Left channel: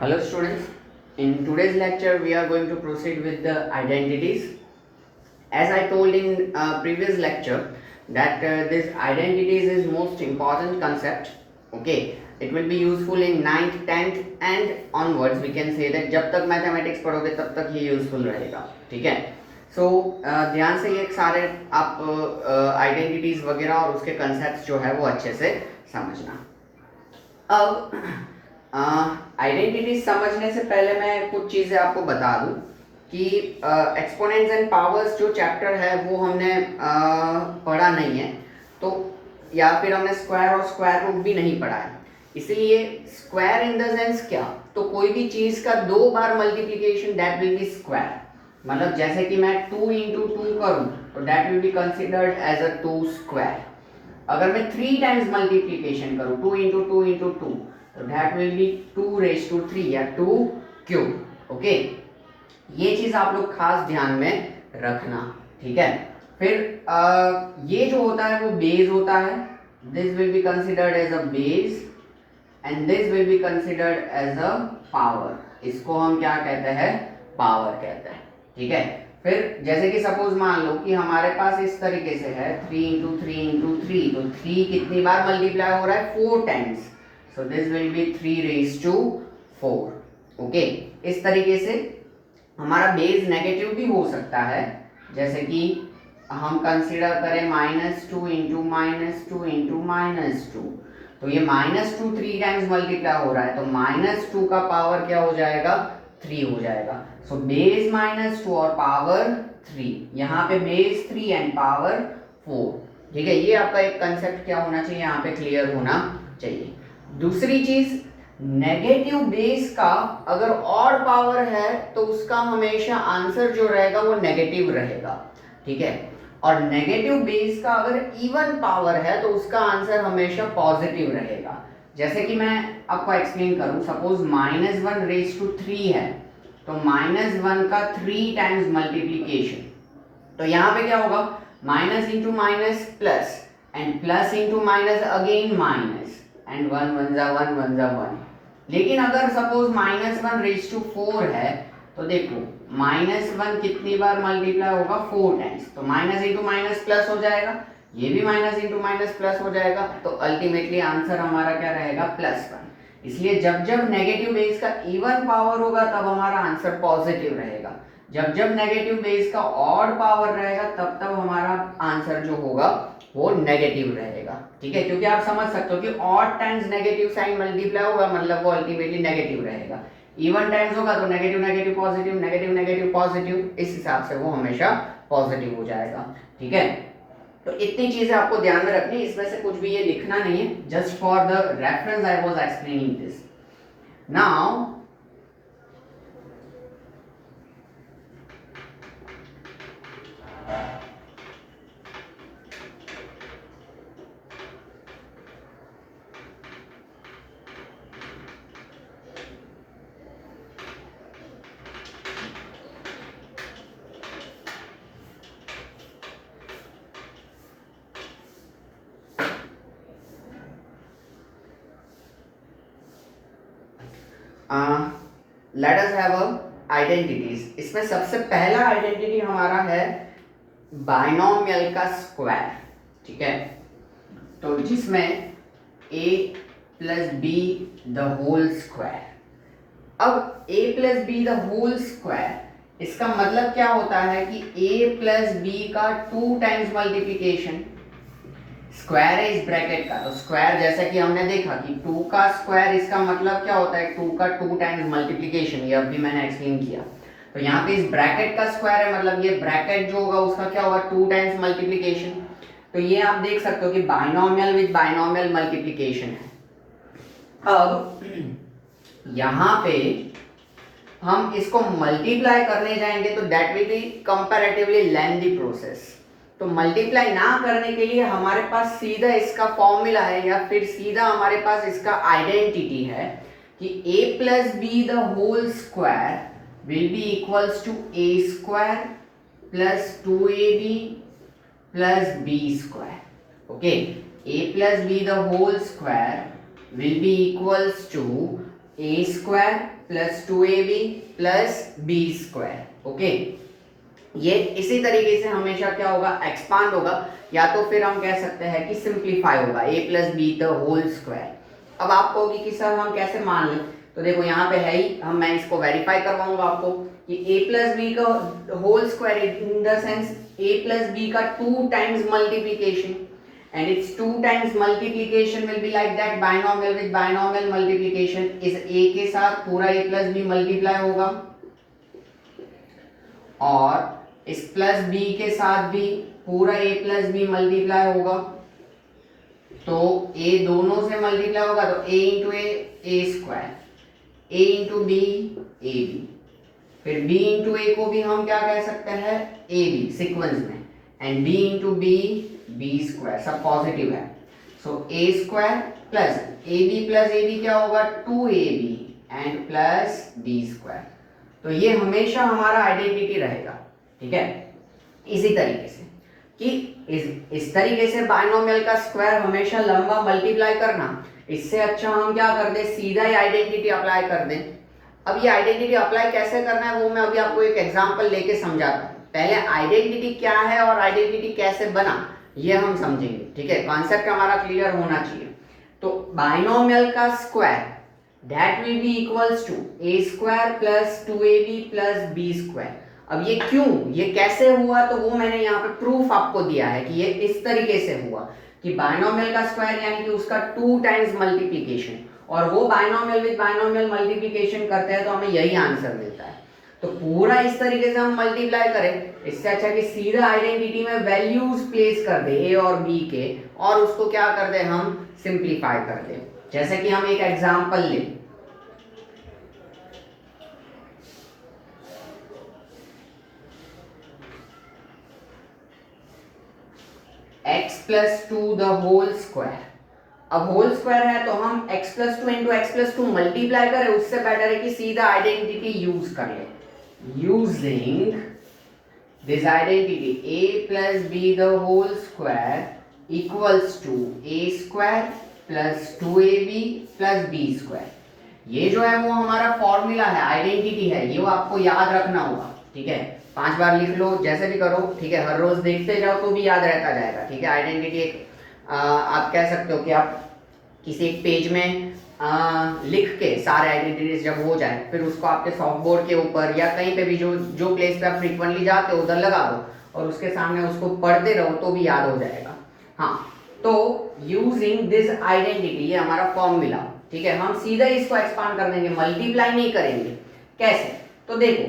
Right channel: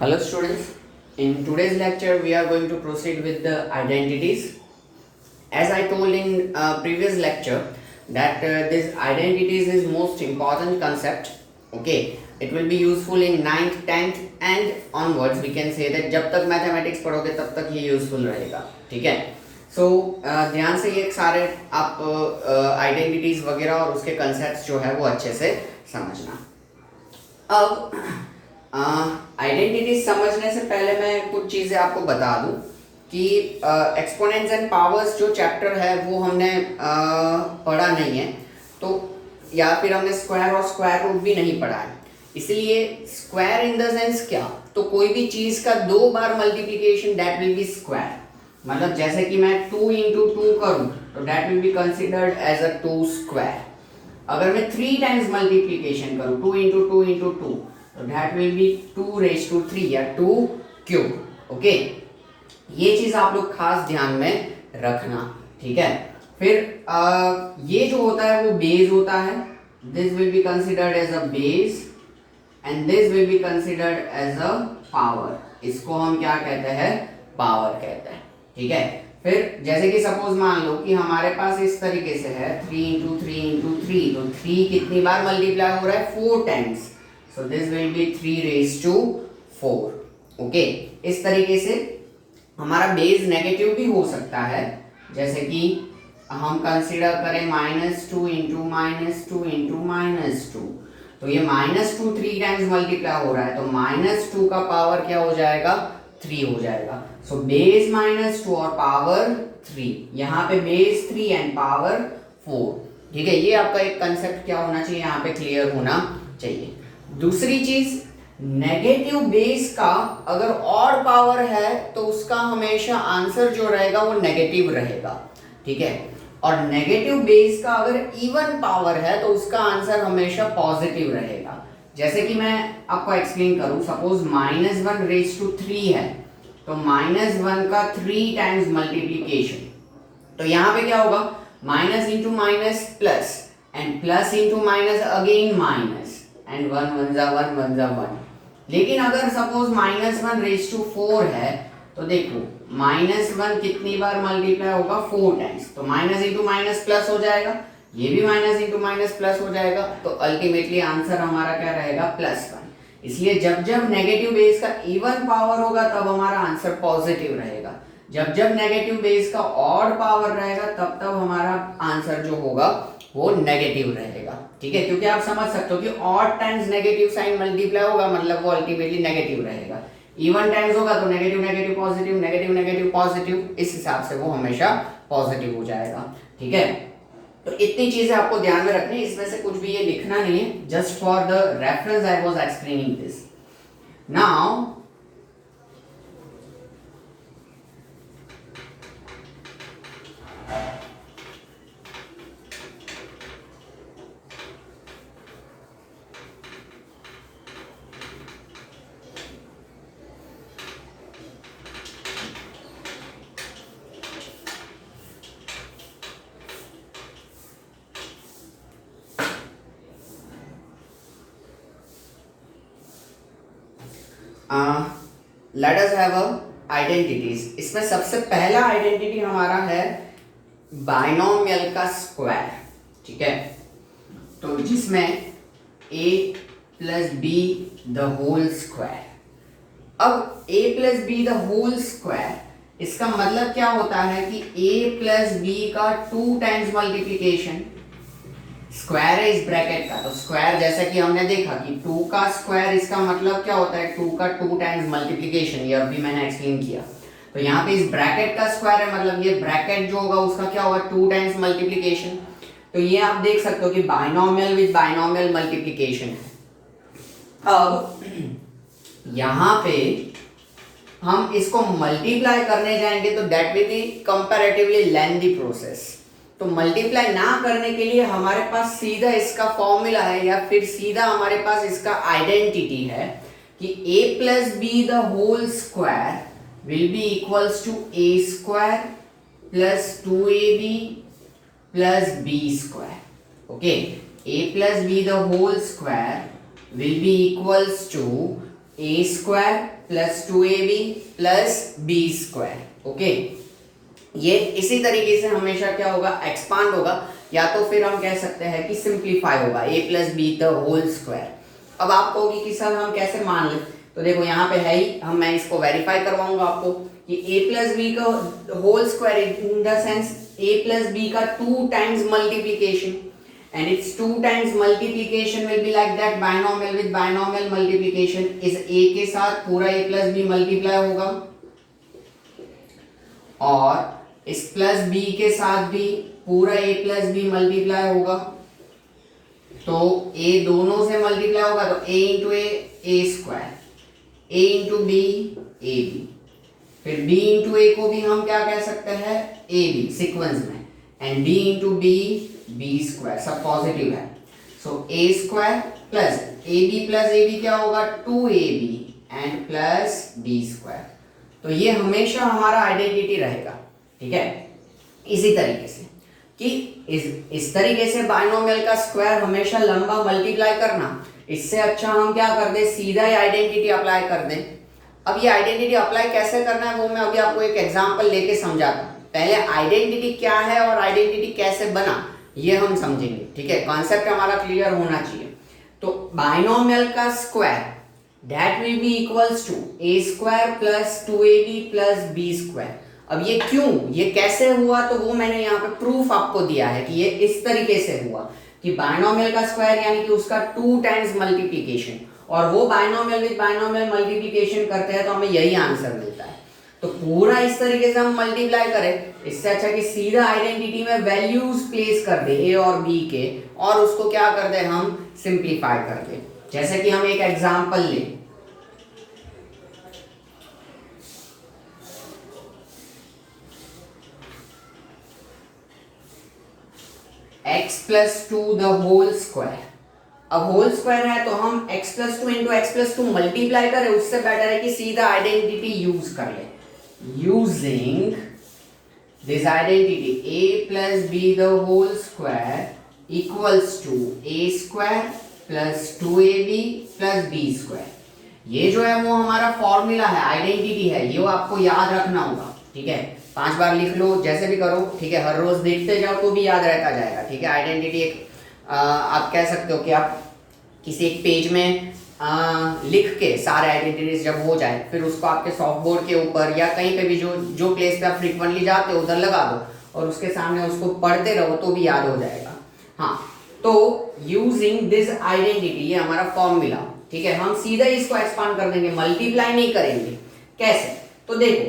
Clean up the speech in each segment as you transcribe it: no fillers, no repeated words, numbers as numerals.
Hello students, in today's lecture we are going to proceed with the identities. As I told in previous lecture that this identities is most important concept. Okay, it will be useful in 9th, 10th and onwards. We can say that जब तक mathematics पढ़ोगे तब तक ये useful रहेगा. ठीक है. सो ध्यान से ये सारे आप आइडेंटिटीज वगैरह और उसके कंसेप्ट जो है वो अच्छे से समझना. अब आइडेंटिटी समझने से पहले मैं कुछ चीज़ें आपको बता दूं कि एक्सपोनेंट्स एंड पावर्स जो चैप्टर है वो हमने पढ़ा नहीं है, तो या फिर हमने स्क्वायर और स्क्वायर रूट भी नहीं पढ़ा है. इसलिए स्क्वायर इन द सेंस क्या, तो कोई भी चीज़ का 2 बार multiplication that will be square. मतलब जैसे कि मैं 2 into 2 करूँ तो that will be considered as a 2 square. अगर मैं 3 टाइम्स मल्टीप्लिकेशन करूँ 2 into 2 into 2 तो that will B 2 raised to 3 या 2 क्यूब. ओके, ये चीज आप लोग खास ध्यान में रखना. ठीक है. फिर ये जो होता है वो बेस होता है. This will be considered as a base and this will be considered as a power. इसको हम क्या कहते हैं, पावर कहते हैं. ठीक है. फिर जैसे कि सपोज मान लो कि हमारे पास इस तरीके से है 3 into 3 into 3, तो 3 कितनी बार मल्टीप्लाई हो रहा है, 4 times. So this will be 3 raised to 4. Okay, इस तरीके से हमारा बेस नेगेटिव भी हो सकता है. जैसे कि हम कंसिडर करें -2 into -2 into -2, तो ये -2 3 टाइम्स मल्टीप्लाई हो रहा है, तो -2 का पावर क्या हो जाएगा, 3 हो जाएगा. सो बेस -2 और पावर 3, यहाँ पे बेस 3 एंड पावर 4. ठीक है. ये आपका एक कंसेप्ट क्या होना चाहिए, यहाँ पे क्लियर होना चाहिए. दूसरी चीज, नेगेटिव बेस का अगर और पावर है तो उसका हमेशा आंसर जो रहेगा वो नेगेटिव रहेगा. ठीक है. और नेगेटिव बेस का अगर इवन पावर है तो उसका आंसर हमेशा पॉजिटिव रहेगा. जैसे कि मैं आपको एक्सप्लेन करूं, सपोज -1 raised to 3 है, तो -1 का 3 टाइम्स मल्टीप्लीकेशन, तो यहाँ पे क्या होगा, minus into minus plus and plus into minus again minus and 1 1 जा 1 1 जा 1. लेकिन अगर सपोज -1 raised to 4 है, तो देखो -1 कितनी बार मल्टीप्लाई होगा, 4 टाइम्स, तो माइनस इंटू माइनस प्लस हो जाएगा, ये भी माइनस इंटू माइनस प्लस हो जाएगा, तो अल्टीमेटली आंसर हमारा क्या रहेगा, +1. इसलिए जब जब नेगेटिव बेस का इवन पावर होगा तब हमारा आंसर पॉजिटिव रहेगा. जब जब नेगेटिव बेस का ऑड पावर रहेगा तब तब हमारा आंसर जो होगा वो नेगेटिव रहेगा. ठीक है. क्योंकि आप समझ सकते हो कि odd times negative sign multiply होगा, मतलब वो अल्टीमेटली नेगेटिव रहेगा. इवन टाइम्स होगा तो negative negative positive, negative negative positive, इस हिसाब से वो हमेशा पॉजिटिव हो जाएगा. ठीक है. तो इतनी चीजें आपको ध्यान में रखनी, इसमें से कुछ भी ये लिखना नहीं है, just for the reference I was explaining this. Now let us have a identities. इसमें सबसे पहला आइडेंटिटी हमारा है बाइनोमियल का स्क्वायर. ठीक है. तो जिसमें a plus B the whole square. अब a plus B the whole square, इसका मतलब क्या होता है कि a प्लस बी का 2 टाइम्स मल्टीप्लीकेशन, स्क्वायर है इस ब्रैकेट का, तो स्क्वायर जैसे कि हमने देखा कि 2 का स्क्वायर, इसका मतलब क्या होता है, 2 का 2 टाइम्स मल्टीप्लिकेशन. ये अभी मैंने एक्सप्लेन किया. तो यहाँ पे इस ब्रैकेट का स्क्वायर है, मतलब ये ब्रैकेट जो होगा उसका क्या होगा, 2 टाइम्स मल्टीप्लिकेशन. तो ये आप देख सकते हो कि बाइनोमियल विद बाइनोमियल मल्टीप्लिकेशन है. अब यहाँ पे हम इसको मल्टीप्लाई करने जाएंगे तो that will B comparatively lengthy process. तो मल्टीप्लाई ना करने के लिए हमारे पास सीधा इसका फॉर्मूला है या फिर सीधा हमारे पास इसका आइडेंटिटी है कि a plus B the whole square will be equals to a square plus 2ab plus b square. Okay. a plus B the whole square will be equals to A square plus 2ab plus B square. Okay, ये इसी तरीके से हमेशा क्या होगा, expand होगा, या तो फिर हम कह सकते हैं कि सिंप्लीफाई होगा, A plus B the whole square. अब आपको होगी कि सर हम कैसे मान लें, तो देखो यहाँ पे है ही, मैं इसको वेरीफाई करवाऊंगा आपको कि ए प्लस बी का whole square in the sense A plus B का 2 times multiplication, and its 2 times multiplication will be like that binomial with binomial multiplication is a के साथ पूरा a plus b multiply होगा और इस plus b के साथ भी पूरा a plus b multiply होगा। तो a दोनों से multiply होगा तो a into a square, a into b a b, फिर b into a को भी हम क्या कह सकते हैं a b सीक्वेंस में, and b into b b square, सब पॉजिटिव है। सो a square plus ab plus ab क्या होगा 2ab and plus b square. तो ये हमेशा हमारा आइडेंटिटी रहेगा, ठीक है। इसी तरीके से कि इस तरीके से बाइनोमियल का स्क्वायर हमेशा लंबा मल्टीप्लाई करना, इससे अच्छा हम क्या कर दें, सीधा ही आइडेंटिटी अप्लाई कर दें। अब ये आइडेंटिटी अप्लाई कैसे करना है वो मैं अभी आपको एक एग्जांपल लेके समझाता हूँ। पहले आइडेंटिटी क्या है और आइडेंटिटी कैसे बना ये हम समझेंगे, ठीक है। कॉन्सेप्ट हमारा क्लियर होना चाहिए। तो बाइनोमियल का square that will be equals to A square plus 2ab plus B square. अब ये क्यों, ये कैसे हुआ, तो वो मैंने यहाँ पे प्रूफ आपको दिया है कि ये इस तरीके से हुआ कि बाइनोमियल का स्क्वायर यानी कि उसका 2 टाइम्स मल्टीप्लीकेशन, और वो बाइनोमियल विद बाइनोमियल मल्टीप्लीकेशन करते हैं तो हमें यही आंसर मिलता है। तो पूरा इस तरीके से हम मल्टीप्लाई करें, इससे अच्छा कि सीधा आइडेंटिटी में वैल्यूज प्लेस कर दे ए और बी के, और उसको क्या कर दे, हम सिंप्लीफाई कर दे। जैसे कि हम एक एग्जांपल लें, x plus 2 the whole square. अब होल स्क्वायर है तो हम x plus 2 into X plus 2 multiply करें, उससे बेटर है कि सीधा आइडेंटिटी यूज कर ले। Using this identity a plus b the whole square equals to a square plus 2ab plus b square। ये जो है वो हमारा फॉर्मूला है, आइडेंटिटी है, ये आपको याद रखना होगा, ठीक है। 5 बार लिख लो, जैसे भी करो, ठीक है। हर रोज देखते जाओ तो भी याद रहता जाएगा, ठीक है। आइडेंटिटी एक आप कह सकते हो कि आप किसी एक पेज में लिख के सारे आइडेंटिटीज जब हो जाए, फिर उसको आपके सॉफ्ट बोर्ड के ऊपर या कहीं पे भी जो प्लेस पे आप फ्रीक्वेंटली जाते हो उधर लगा दो और उसके सामने उसको पढ़ते रहो तो भी याद हो जाएगा। हाँ, तो यूजिंग दिस आइडेंटिटी, ये हमारा फॉर्मूला, ठीक है। हम सीधा इसको एक्सपांड कर देंगे, मल्टीप्लाई नहीं करेंगे। कैसे, तो देखो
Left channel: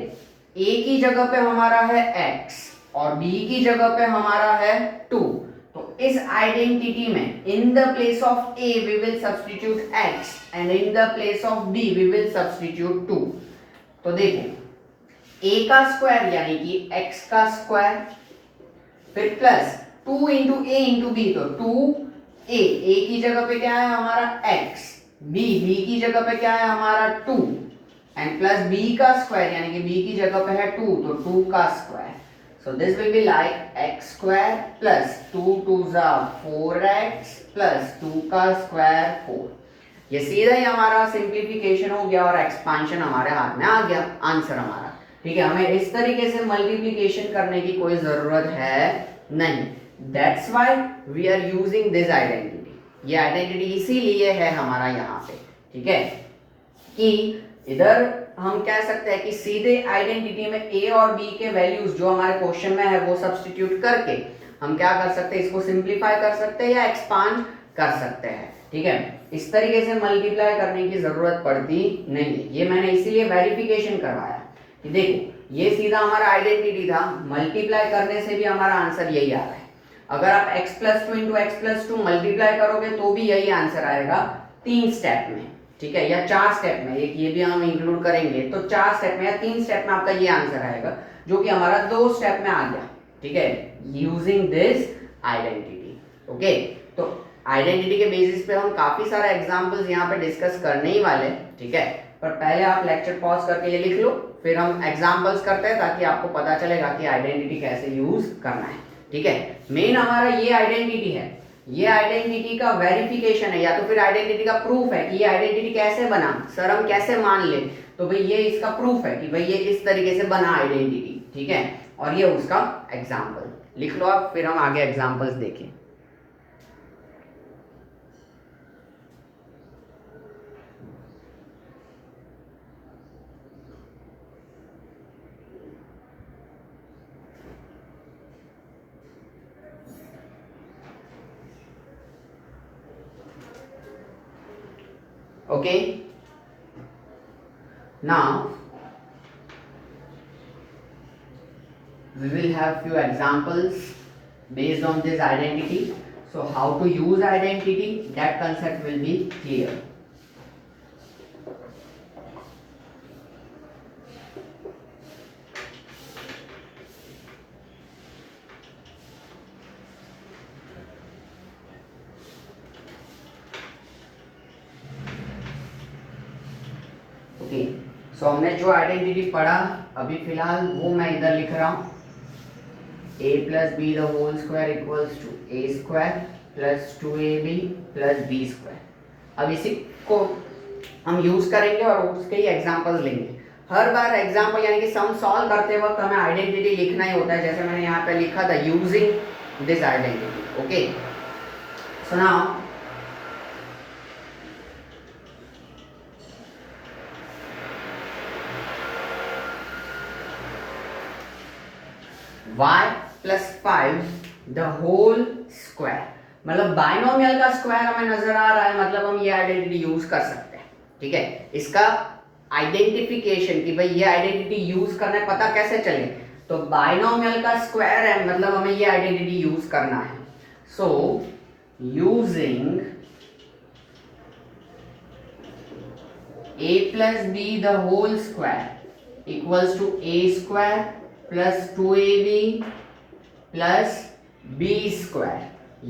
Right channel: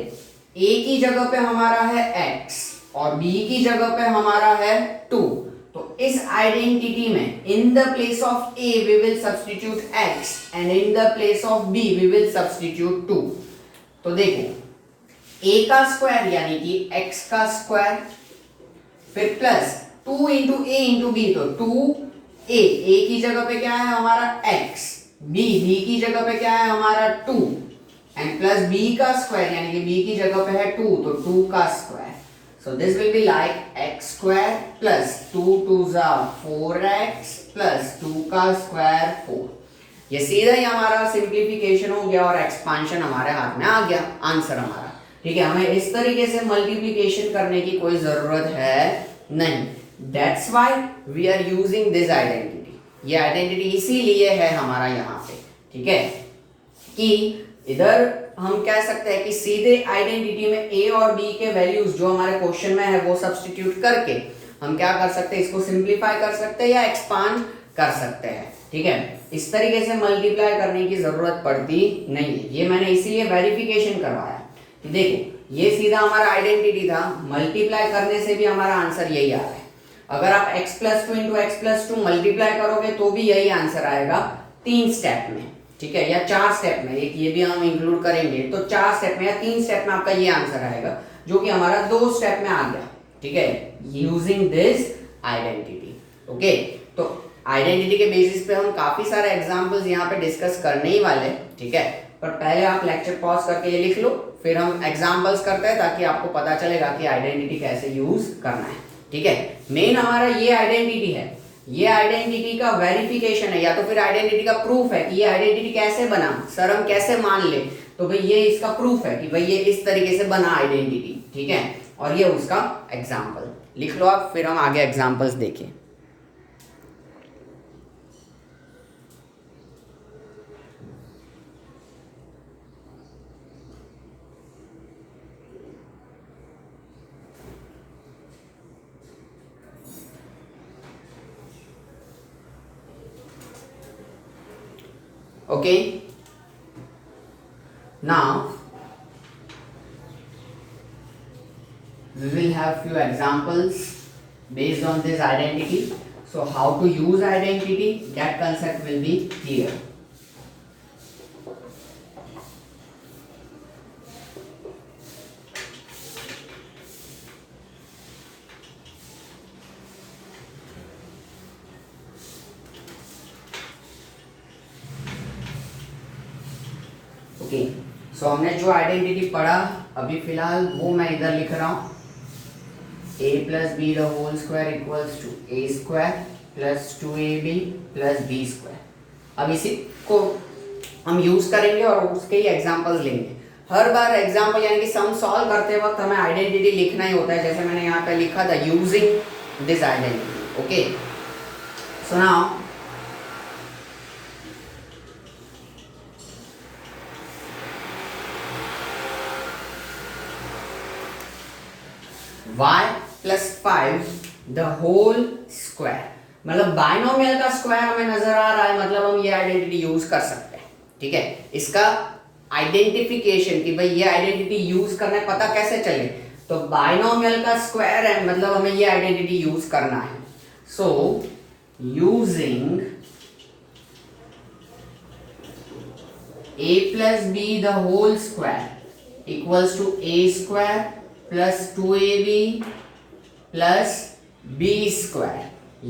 a की जगह पे हमारा है x और b की जगह पे हमारा है 2। तो इस आइडेंटिटी में इन the place of a we will substitute x and in the place of b we will substitute 2। तो देखो a का स्क्वायर यानी कि x का स्क्वायर, फिर plus 2 into a into b, तो 2a की जगह पे क्या है हमारा x, b की जगह पे क्या है हमारा 2, एंड प्लस b का स्क्वायर यानी कि b की जगह पे है 2, तो 2 का square. So this will be like x square plus 2 2s are 4x plus 2 का स्क्वायर 4। ये सीधा ही हमारा सिंप्लीफिकेशन हो गया और एक्सपांशन हमारे हाथ में आ गया, आंसर हमारा, ठीक है। हमें इस तरीके से मल्टीप्लिकेशन करने की कोई जरूरत है नहीं। That's why we are using this identity। ये आइडेंटिटी इसीलिए है हमारा यहाँ पे, ठीक है, कि इधर हम कह सकते हैं कि सीधे आइडेंटिटी में a और b के वैल्यूज जो हमारे क्वेश्चन में है वो सब्स्टिट्यूट करके हम क्या कर सकते हैं, इसको सिंप्लीफाई कर सकते हैं या एक्सपांड कर सकते हैं, ठीक है। इस तरीके से मल्टीप्लाई करने की जरूरत पड़ती नहीं है। ये मैंने इसीलिए वेरिफिकेशन करवाया कि देखो ये सीधा हमारा आइडेंटिटी था, मल्टीप्लाई करने से भी हमारा आंसर यही आ रहा है। अगर आप x plus 2 into X plus 2 multiply करोगे तो भी यही आंसर आएगा 3 स्टेप में, ठीक है, या 4 स्टेप में, एक ये भी हम इंक्लूड करेंगे तो 4 स्टेप में या 3 स्टेप में आपका ये आंसर आएगा, जो कि हमारा 2 स्टेप में आ गया, ठीक है, यूजिंग दिस आइडेंटिटी। ओके, तो आइडेंटिटी के बेसिस पे हम काफी सारे एग्जांपल्स यहाँ पे डिस्कस करने ही वाले, ठीक है। पर पहले आप लेक्चर पॉज करके ये लिख लो, फिर हम एग्जांपल्स करते हैं ताकि आपको पता चलेगा कि आइडेंटिटी कैसे यूज करना है, ठीक है। मेन हमारा ये आइडेंटिटी है ये आइडेंटिटी का वेरिफिकेशन है या तो फिर आइडेंटिटी का प्रूफ है कि ये आइडेंटिटी कैसे बना, सर हम कैसे मान ले, तो भाई ये इसका प्रूफ है कि भाई ये इस तरीके से बना आइडेंटिटी, ठीक है। और ये उसका एग्जाम्पल लिख लो आप, फिर हम आगे एग्जाम्पल्स देखें। Okay, now we will have few examples based on this identity. So how to use identity, that concept will be clear. Okay, so हमने जो आइडेंटिटी पढ़ा अभी फिलहाल वो मैं इधर लिख रहा हूँ, a plus B the whole square equals to A square plus 2ab plus B square. अब इसी को हम यूज करेंगे और उसके ही एग्जांपल्स लेंगे। हर बार एग्जांपल यानी कि सम सॉल्व करते वक्त हमें आइडेंटिटी लिखना ही होता है, जैसे मैंने यहाँ पे लिखा था using this identity. Okay, so now y plus 5 the whole square, मतलब बाइनोमियल का स्क्वायर हमें नजर आ रहा है, मतलब हम ये आइडेंटिटी यूज कर सकते हैं, ठीक है। इसका आइडेंटिफिकेशन कि भाई ये आइडेंटिटी यूज करना है, पता कैसे चले, तो बाइनोमियल का स्क्वायर है मतलब हमें ये आइडेंटिटी यूज करना है। So using a plus B the whole square equals to a square plus 2ab plus b square.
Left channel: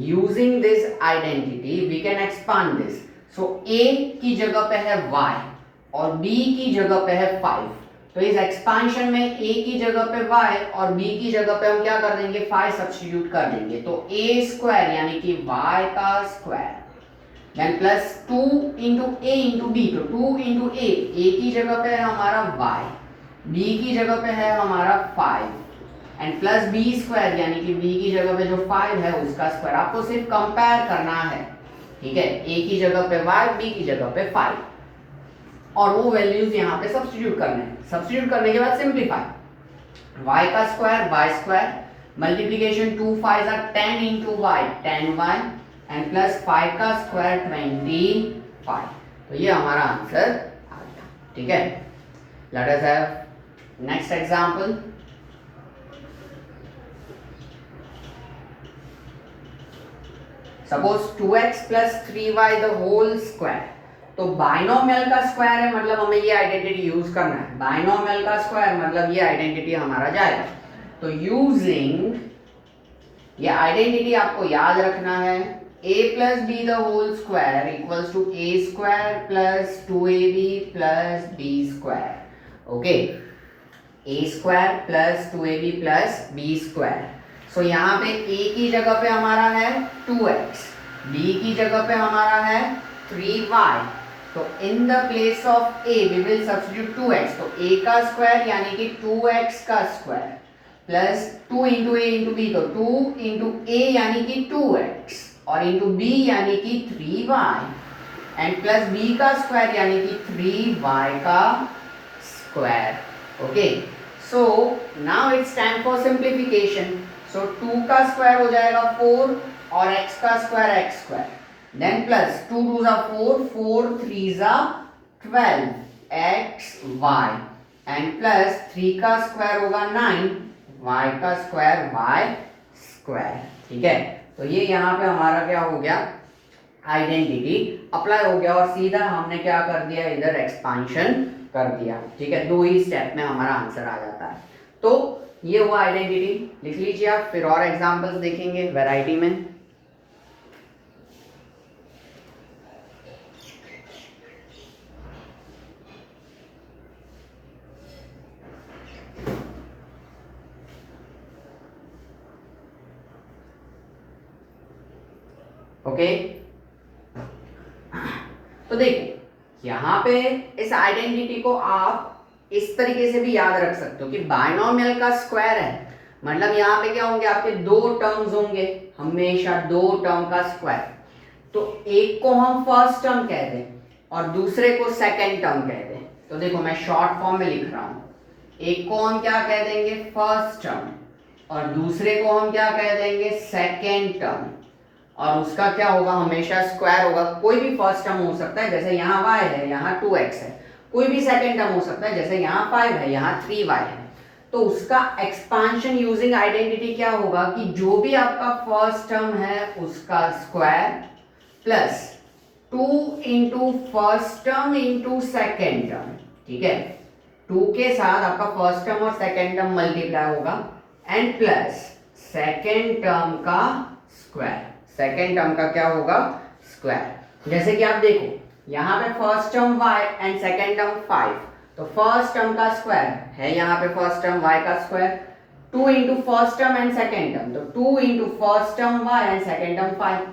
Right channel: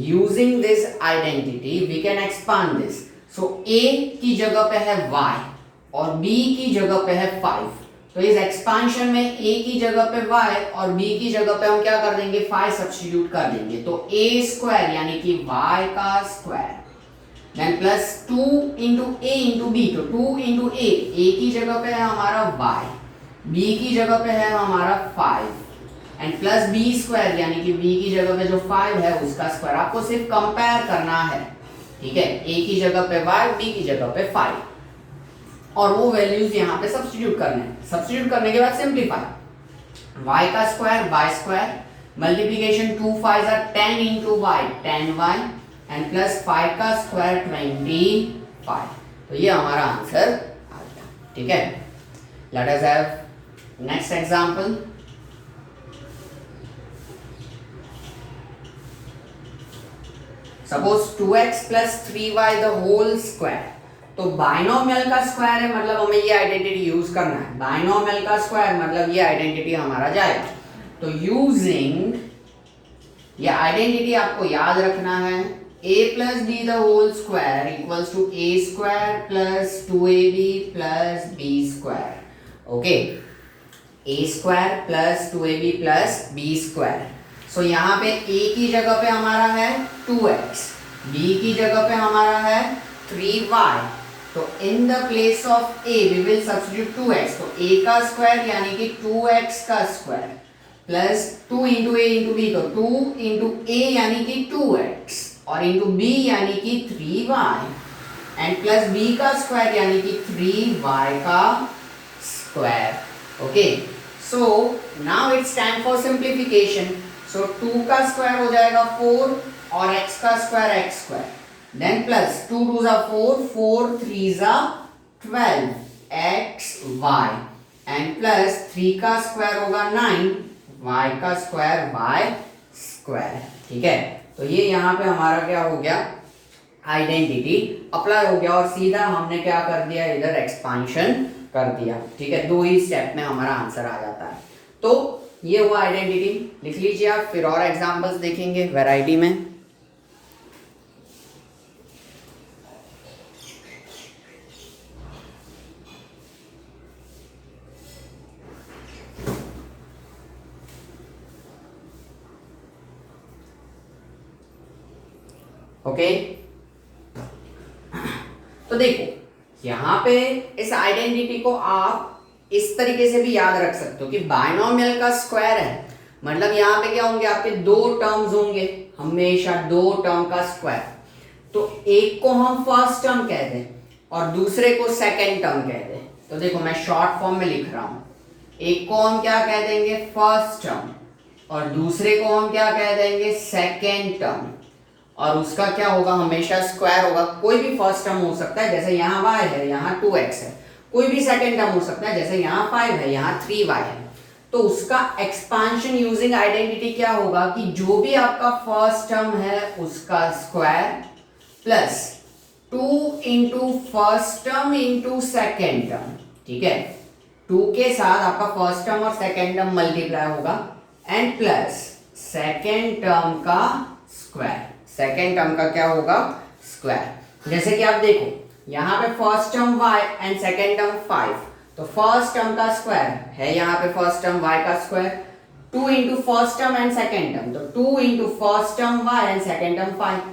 Using this identity we can expand this. So a की जगह पे है y और b की जगह पे है 5, तो इस एक्सपांशन में a की जगह पे y और b की जगह पे हम क्या कर देंगे 5 सब्स्टिट्यूट कर देंगे, तो a स्क्वायर यानी कि y का square then plus 2 into a into b, तो 2 इंटू a की जगह पे है हमारा y, b की जगह पे है हमारा 5 एंड प्लस b स्क्वायर यानी कि b की जगह पे जो 5 है उसका स्क्वायर। आपको सिर्फ कंपेयर करना है, ठीक है, a की जगह पे y, b की जगह पे 5 और वो वैल्यूज यहाँ पे सब्स्टिट्यूट करने हैं। सब्स्टिट्यूट करने के बाद सिंप्लीफाई, y का square y square multiplication 2 5 are 10 into y 10y and plus 5 का स्क्वायर 25, तो ये हमारा आंसर आ गया, ठीक है। Let us have next example. Suppose 2x plus 3y the whole square, तो बाइनोमियल का स्क्वायर है मतलब हमें ये आइडेंटिटी यूज करना है, बाइनोमियल का स्क्वायर मतलब ये आइडेंटिटी हमारा जाएगा। तो यूजिंग ये आइडेंटिटी आपको याद रखना है, a plus B the whole square equals to a square plus 2ab plus b square. Okay, a square plus 2ab plus b square. So यहाँ पे a की जगह पे हमारा है 2x, b की जगह पे हमारा है 3y, तो in the place of a we will substitute 2x, तो a का स्क्वायर यानी कि 2x का square plus 2 into a into b, तो 2 इंटू a यानी कि 2x और इंटू b यानी कि 3y एंड प्लस b का स्क्वायर यानी कि 3y का square. Okay, so now it's time for simplification. So 2 का स्क्वायर हो जाएगा 4 और x का square x square, then plus 2 2 4 4 3 12 x y and plus 3 का स्क्वायर होगा 9 y का स्क्वायर y स्क्वायर, ठीक है। तो ये यहाँ पे हमारा क्या हो गया, आइडेंटिटी अप्लाई हो गया और सीधा हमने क्या कर दिया, इधर एक्सपांशन कर दिया, ठीक है। 2 ही स्टेप में हमारा आंसर आ जाता है। तो ये हुआ आइडेंटिटी, लिख लीजिए आप, फिर और एग्जांपल्स देखेंगे वैरायटी में। ओके, तो देखो यहाँ पे इस आइडेंटिटी को आप इस तरीके से भी याद रख सकते हो कि बायनोमियल का स्क्वायर है, मतलब यहाँ पे क्या होंगे, आपके दो टर्म्स होंगे, हमेशा दो टर्म का स्क्वायर। तो एक को हम फर्स्ट टर्म कह दें और दूसरे को सेकेंड टर्म कह दें। तो देखो मैं शॉर्ट फॉर्म में लिख रहा हूं, एक को हम क्या कह देंगे, फर्स्ट टर्म, और दूसरे को हम क्या कह देंगे, सेकेंड टर्म। और उसका क्या होगा, हमेशा स्क्वायर होगा। कोई भी फर्स्ट टर्म हो सकता है, जैसे यहाँ y है, यहाँ 2x है। कोई भी सेकेंड टर्म हो सकता है, जैसे यहाँ 5 है, यहाँ 3y है। तो उसका एक्सपांशन यूजिंग आइडेंटिटी क्या होगा कि जो भी आपका फर्स्ट टर्म है उसका square plus 2 into first term into second term. ठीक है, 2 के साथ आपका फर्स्ट टर्म और सेकेंड टर्म मल्टीप्लाई होगा एंड प्लस सेकेंड टर्म का स्क्वायर। सेकेंड टर्म का क्या होगा, स्क्वायर। जैसे कि आप देखो यहाँ पे first term y and second term 5, तो फर्स्ट टर्म का स्क्वायर है यहाँ पे फर्स्ट टर्म y का square, 2 into first term and second term, तो 2 into first term y and second term 5,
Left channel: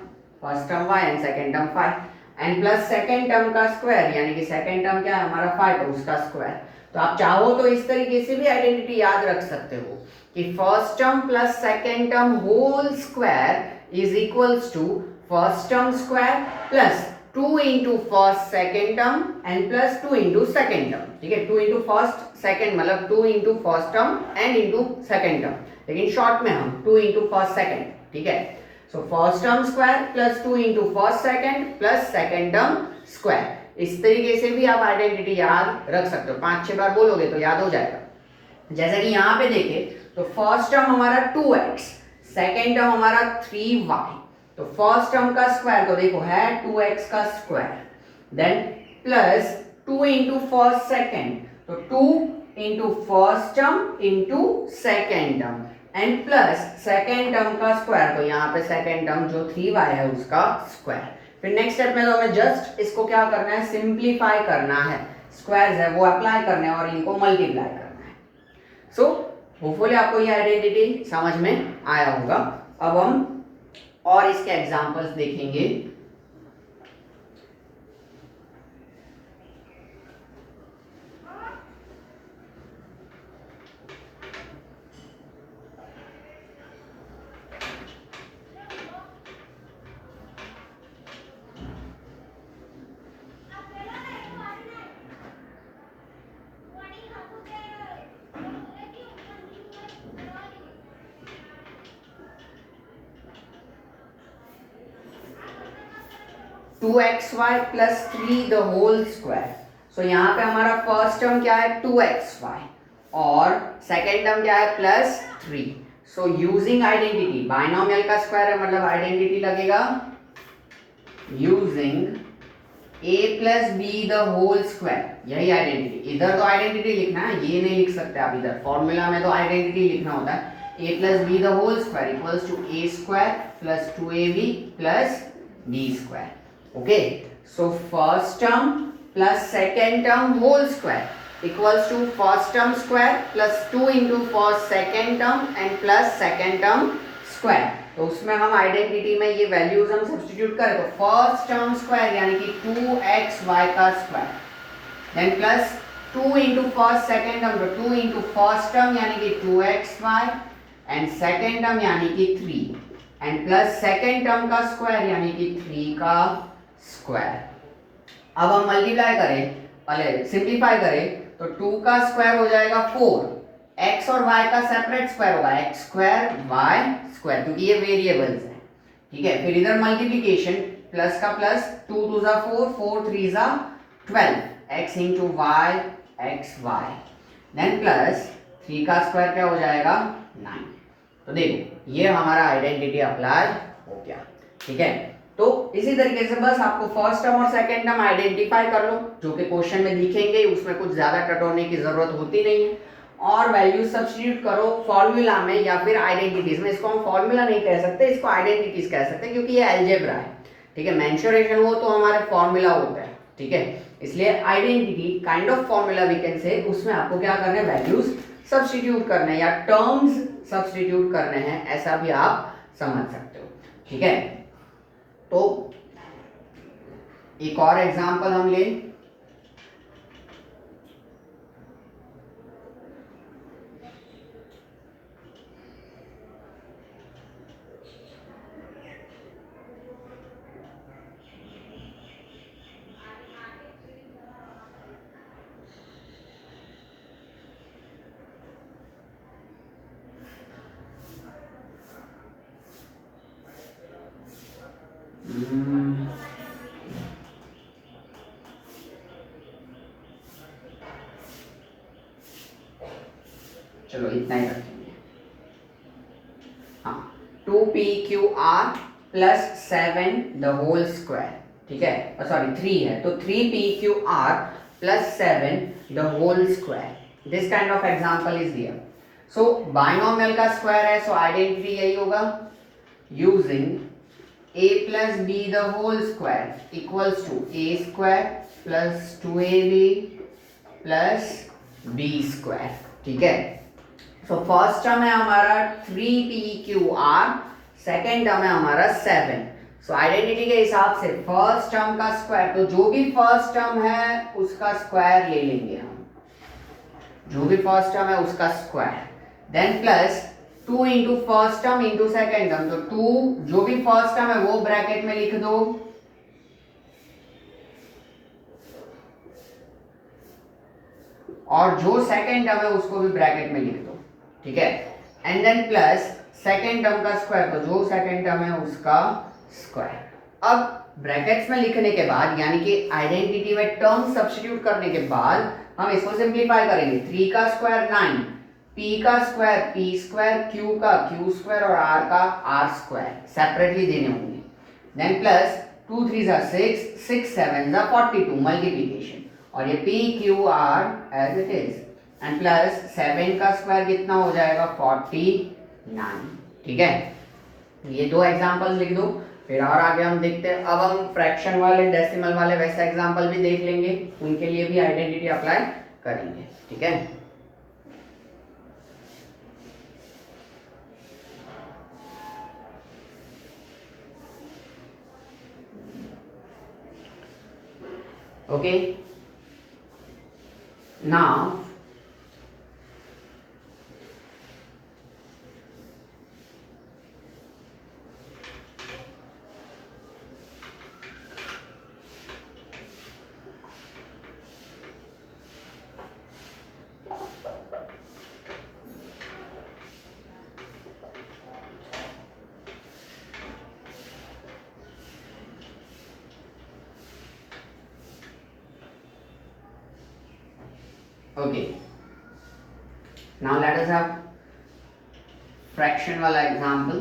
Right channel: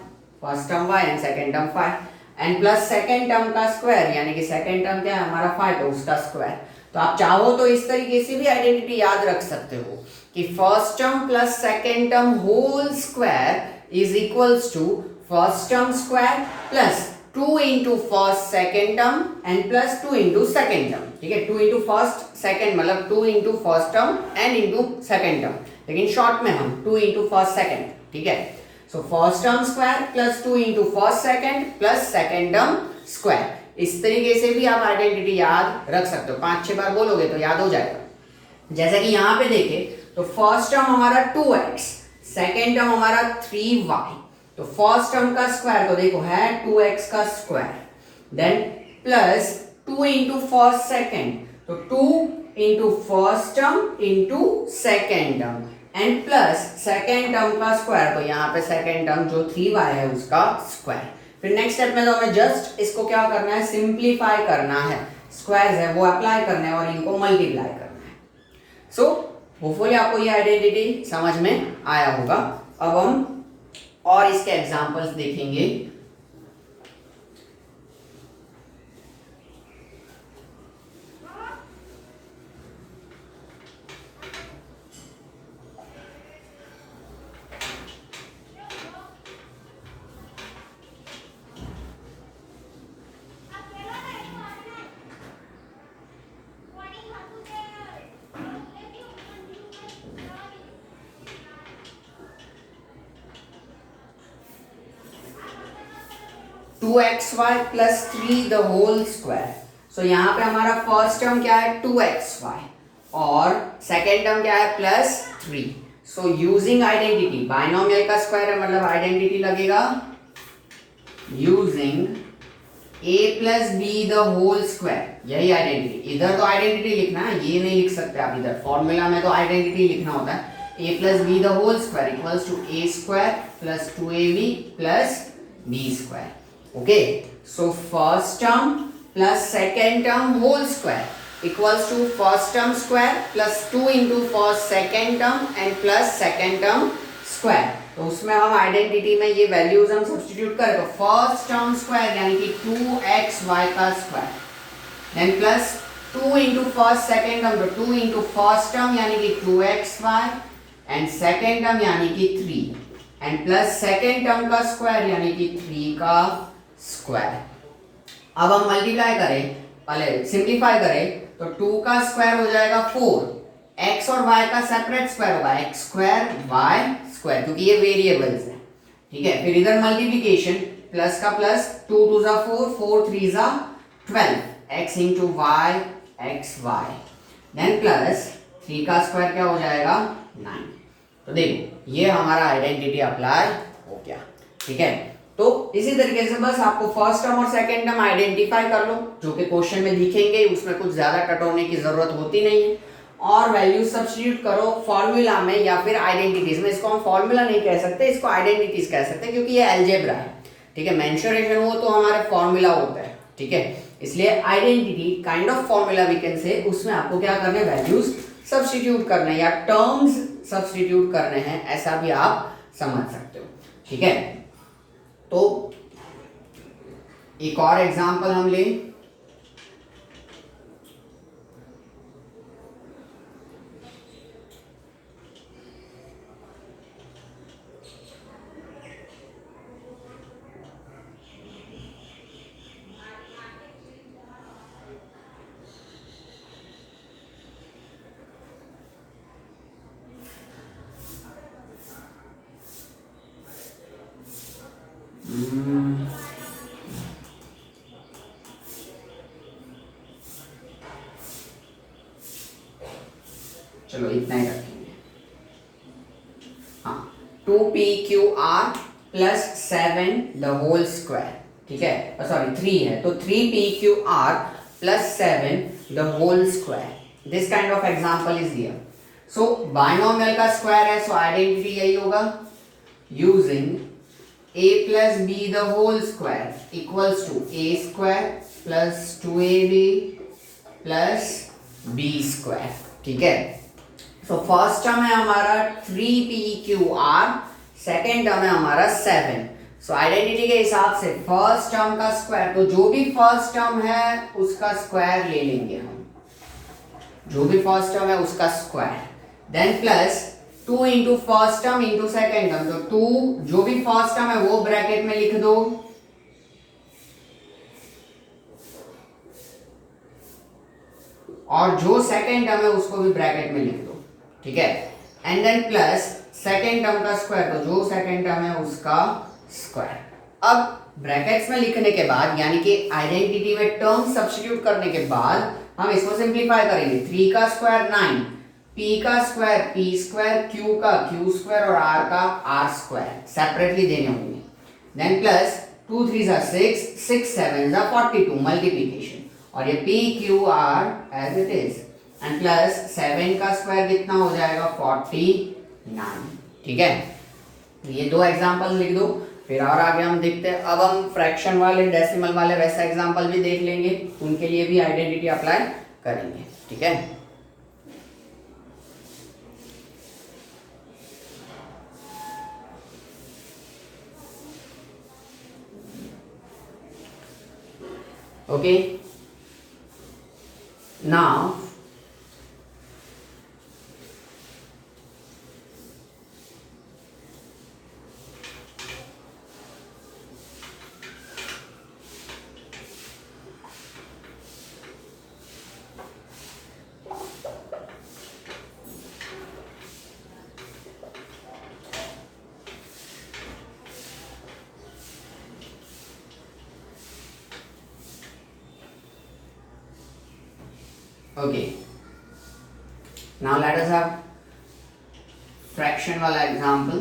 first term y and second term 5 and plus second term का square, यानी कि second term क्या है हमारा 5, तो उसका स्क्वायर। तो आप चाहो तो इस तरीके से भी आइडेंटिटी याद रख सकते हो कि first term plus second term whole square is equals to first term square plus 2 into first second term and plus 2 into second term. ठीक है, 2 इंटू फर्स्ट सेकेंड मतलब 2 into first term and into second term, लेकिन short में हम 2 into first second. ठीक है, so first term square plus 2 into first second plus second term square. इस तरीके से भी आप आइडेंटिटी याद रख सकते हो, 5-6 बार बोलोगे तो याद हो जाएगा। जैसा कि यहाँ पे देखें तो फर्स्ट टर्म हमारा 2x, सेकेंड टर्म हमारा 3y, तो फर्स्ट टर्म का स्क्वायर को देखो है 2x का square, then plus 2 into first second, तो 2 into first term into second term and plus second term का स्क्वायर, तो यहाँ पे सेकेंड टर्म जो 3y है उसका स्क्वायर। फिर नेक्स्ट स्टेप में तो हमें जस्ट इसको क्या करना है, सिंप्लीफाई करना है, स्क्वायर्स है वो अप्लाई करने हैं और इनको मल्टीप्लाई करना है। सो होपफुली आपको ये आइडेंटिटी समझ में आया होगा। अब हम और इसके एग्जांपल्स देखेंगे। 2xy plus 3 the whole square. So यहाँ पे हमारा फर्स्ट टर्म क्या है 2xy और सेकेंड टर्म क्या है plus 3। So using identity, binomial का स्क्वायर है मतलब आइडेंटिटी लगेगा using a plus B the whole square. यही आइडेंटिटी, इधर तो आइडेंटिटी लिखना है, ये नहीं लिख सकते आप, इधर फॉर्मूला में तो आइडेंटिटी लिखना होता है a plus B the whole square equals to a square plus 2ab plus b square. Okay, so first term plus second term whole square equals to first term square plus 2 into first second term and plus second term square. तो उसमें हम identity में ये values हम substitute करें तो first term square यानी कि 2xy का square, then plus 2 into first second term, तो 2 इंटू फर्स्ट टर्म यानी कि 2xy एंड सेकेंड टर्म यानी कि 3 एंड प्लस सेकेंड टर्म का स्क्वायर यानी कि 3 का स्क्वायर। अब हम मल्टीप्लाई करें, पहले सिंप्लीफाई करें तो 2 का स्क्वायर हो जाएगा 4, x और y का सेपरेट स्क्वायर होगा x स्क्वायर y स्क्वायर, क्योंकि ये वेरिएबल्स हैं। ठीक है, फिर इधर मल्टीप्लिकेशन प्लस का प्लस, 2 2 जा 4, 4 3 जा 12, x into y x y, then plus 3 का स्क्वायर क्या हो जाएगा 9। तो देखो ये हमारा आइडेंटिटी अप्लाई हो गया। ठीक है, तो इसी तरीके से बस आपको फर्स्ट टर्म और सेकेंड टर्म आइडेंटिफाई कर लो, जो कि क्वेश्चन में दिखेंगे, उसमें कुछ ज्यादा टटोलने की जरूरत होती नहीं है, और वैल्यू सब्स्टिट्यूट करो फॉर्मूला में या फिर आइडेंटिटीज में। इसको हम फॉर्मूला नहीं कह सकते, इसको आइडेंटिटीज कह सकते हैं, क्योंकि ये अलजेब्रा है। ठीक है, मेंशुरेशन हो तो हमारे फॉर्मूला होता है। ठीक है, इसलिए identity kind of formula we can say, उसमें आपको क्या करना है, वैल्यूज सब्स्टिट्यूट करने या टर्म्स सब्स्टिट्यूट करने हैं, ऐसा भी आप समझ सकते हो। ठीक है, तो एक और एग्जांपल हम लें, चलो इतना ही रखेंगे। हाँ, 2pqr plus 7 the whole square, ठीक है, सॉरी 3 है, तो 3pqr plus 7 the whole square. This kind of example is here. So binomial का स्क्वायर है, सो आइडेंटिटी यही होगा, using a plus b the whole square equals to a square plus 2ab plus b square, ठीक है। So first term है हमारा 3pqr, second term है हमारा 7। सो आइडेंटिटी के हिसाब से फर्स्ट टर्म का स्क्वायर, तो जो भी फर्स्ट टर्म है उसका स्क्वायर ले लेंगे हम, जो भी फर्स्ट टर्म है उसका square, then plus 2 into first term into second term, तो 2 जो भी फर्स्ट टर्म है वो ब्रैकेट में लिख दो, और जो सेकेंड टर्म है उसको भी ब्रैकेट में लिख दो, ठीक है, and then plus second term का स्क्वायर, तो जो सेकेंड टर्म है उसका स्क्वायर। अब ब्रैकेट्स में लिखने के बाद, यानी कि आइडेंटिटी में टर्म सब्स्टिट्यूट करने के बाद हम इसको सिंप्लीफाई करेंगे। 3 का स्क्वायर 9, p का स्क्वायर p स्क्वायर, q का q स्क्वायर और r का r स्क्वायर सेपरेटली देने होंगे। देन प्लस 2 3 जा 6, 6 7 जा 42 मल्टीप्लिकेशन, और ये p q r as it is, and plus 7 का स्क्वायर कितना हो जाएगा 49, ठीक है। ये दो एग्जांपल लिख दो, फिर और आगे हम देखते हैं। अब हम फ्रैक्शन वाले डेसिमल वाले वैसे एग्जांपल भी देख लेंगे, उनके लिए भी आइडेंटिटी अप्लाई करेंगे, ठीक है। Okay, now okay, now let us have fraction वाला एग्जाम्पल।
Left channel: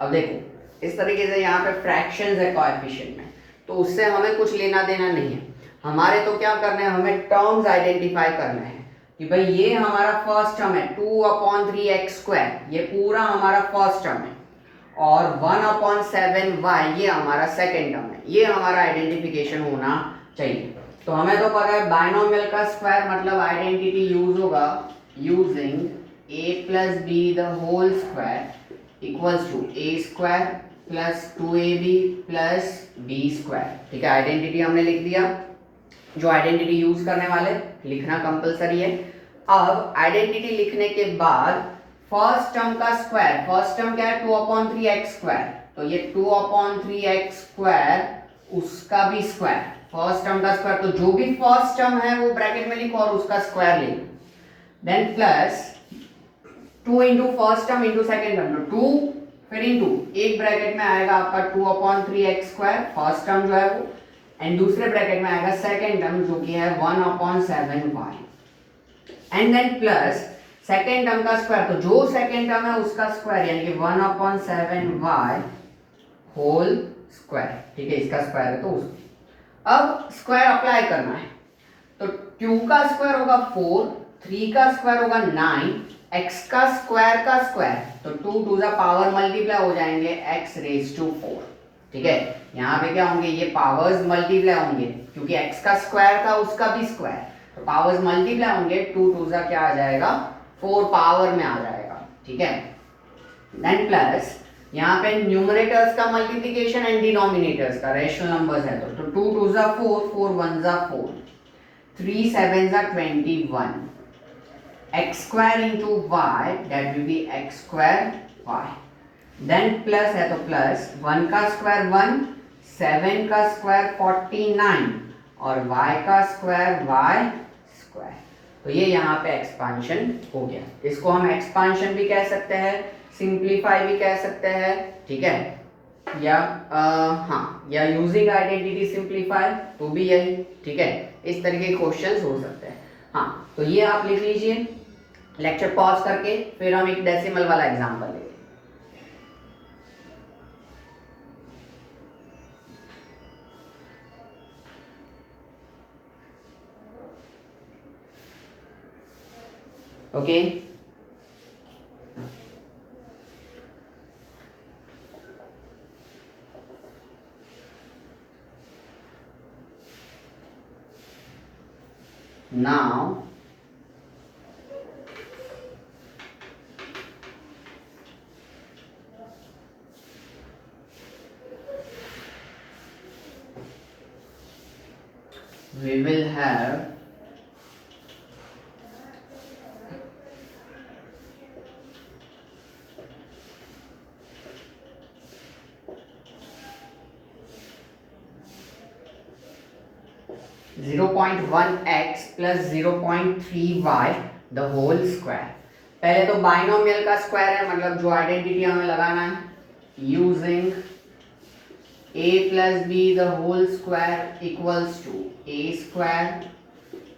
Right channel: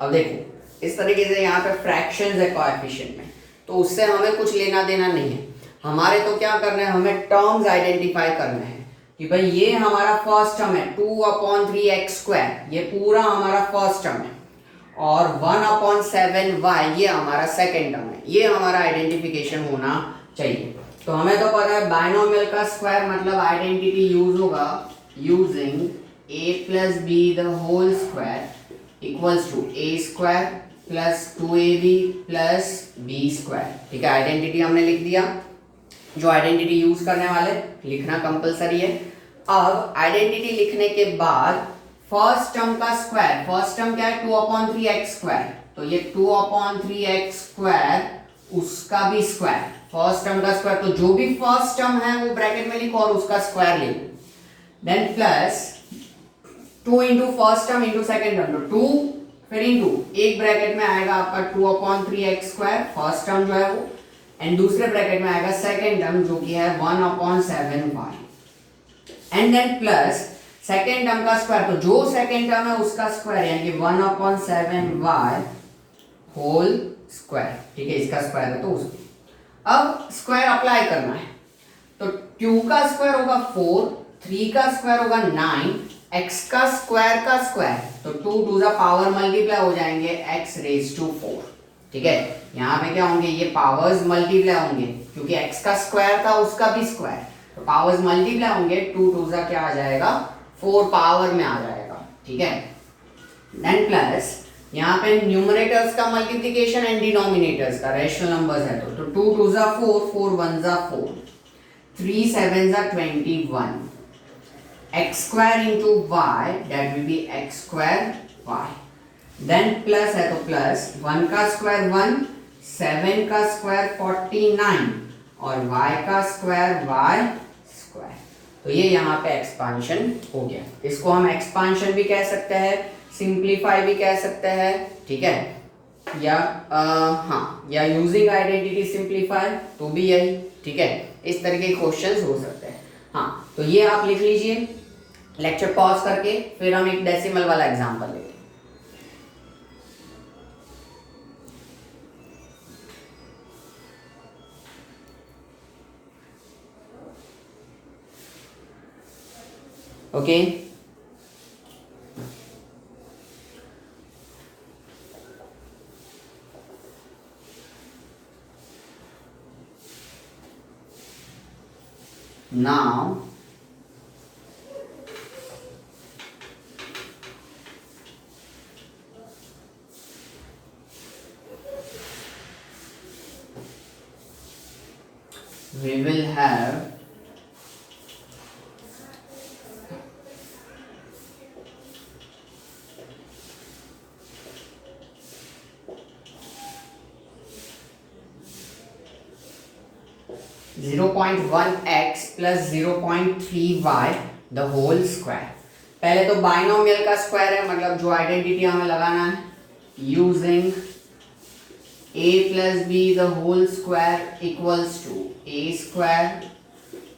अब देखो इस तरीके से यहाँ पे फ्रैक्शंस है कोएफिशिएंट में, तो उससे हमें कुछ लेना देना नहीं है। हमारे तो क्या करना है, हमें टर्म्स आइडेंटिफाई करना है कि भाई ये हमारा फर्स्ट टर्म है 2/3x², ये पूरा हमारा फर्स्ट टर्म है, और 1/7y ये हमारा सेकेंड टर्म है। ये हमारा आइडेंटिफिकेशन होना चाहिए। तो हमें तो पता है बाइनोमियल का स्क्वायर मतलब आइडेंटिटी यूज होगा using a plus b the whole square equals to a² plus 2ab plus b square, ठीक है। आइडेंटिटी हमने लिख दिया, जो आइडेंटिटी यूज करने वाले लिखना कंपलसरी है। अब आइडेंटिटी लिखने के बाद फर्स्ट टर्म का स्क्वायर, फर्स्ट टर्म क्या है 2/3x², तो ये 2/3x² उसका भी स्क्वायर, फर्स्ट टर्म का स्क्वायर, तो जो भी फर्स्ट टर्म है वो ब्रैकेट में लिखो और उसका स्क्वायर लिखो। Then plus 2 into first term into second term, तो 2 फिर इंटू एक ब्रैकेट में आएगा आपका 2/3x² फर्स्ट टर्म जो है वो, एंड दूसरे ब्रैकेट में आएगा सेकेंड टर्म जो कि है 1/7y, and then plus second term का स्क्वायर, तो जो सेकेंड टर्म है उसका स्क्वायर यानी कि 1/7y होल स्क्वायर, ठीक है, इसका स्क्वायर है तो उसको अब स्क्वायर अप्लाई करना है। तो 2 का स्क्वायर होगा 4, 3 का स्क्वायर होगा 9, x का स्क्वायर, तो 2 टू द पावर मल्टीप्लाई हो जाएंगे x raised to 4, ठीक है। यहाँ पे क्या होंगे, ये पावर्स मल्टीप्लाई होंगे, क्योंकि x का स्क्वायर था उसका भी स्क्वायर, तो पावर्स मल्टीप्लाई होंगे, 2 2 सा क्या आ जाएगा, 4 पावर में आ जाएगा, ठीक है। देन प्लस यहाँ पे न्यूमरेटर्स का मल्टीप्लिकेशन एंड डिनोमिनेटर्स का, रेशनल नंबर्स है तो 2 2 सा 4, 4 1 सा 4, 3 7 सा 21, x square into y, that will be x square y. Then plus है तो प्लस 1 का स्क्वायर 1, 7 का स्क्वायर 49 और y का स्क्वायर y स्क्वायर। तो ये यहाँ पे एक्सपांशन हो गया। इसको हम एक्सपांशन भी कह सकते हैं, सिंप्लीफाई भी कह सकते हैं, ठीक है, या हाँ, या यूजिंग आइडेंटिटी सिंप्लीफाई तो भी यही, ठीक है। इस तरह के क्वेश्चंस हो सकते हैं। हाँ, तो ये आप लिख लीजिए लेक्चर पॉज करके, फिर हम एक डेसिमल वाला एग्जांपल लेंगे। Okay, now we will have zero point one x plus 0.3y the whole square. पहले तो बाइनोमियल का स्क्वायर है, मतलब जो आइडेंटिटी हमें लगाना है, using a plus b the whole square equals to a square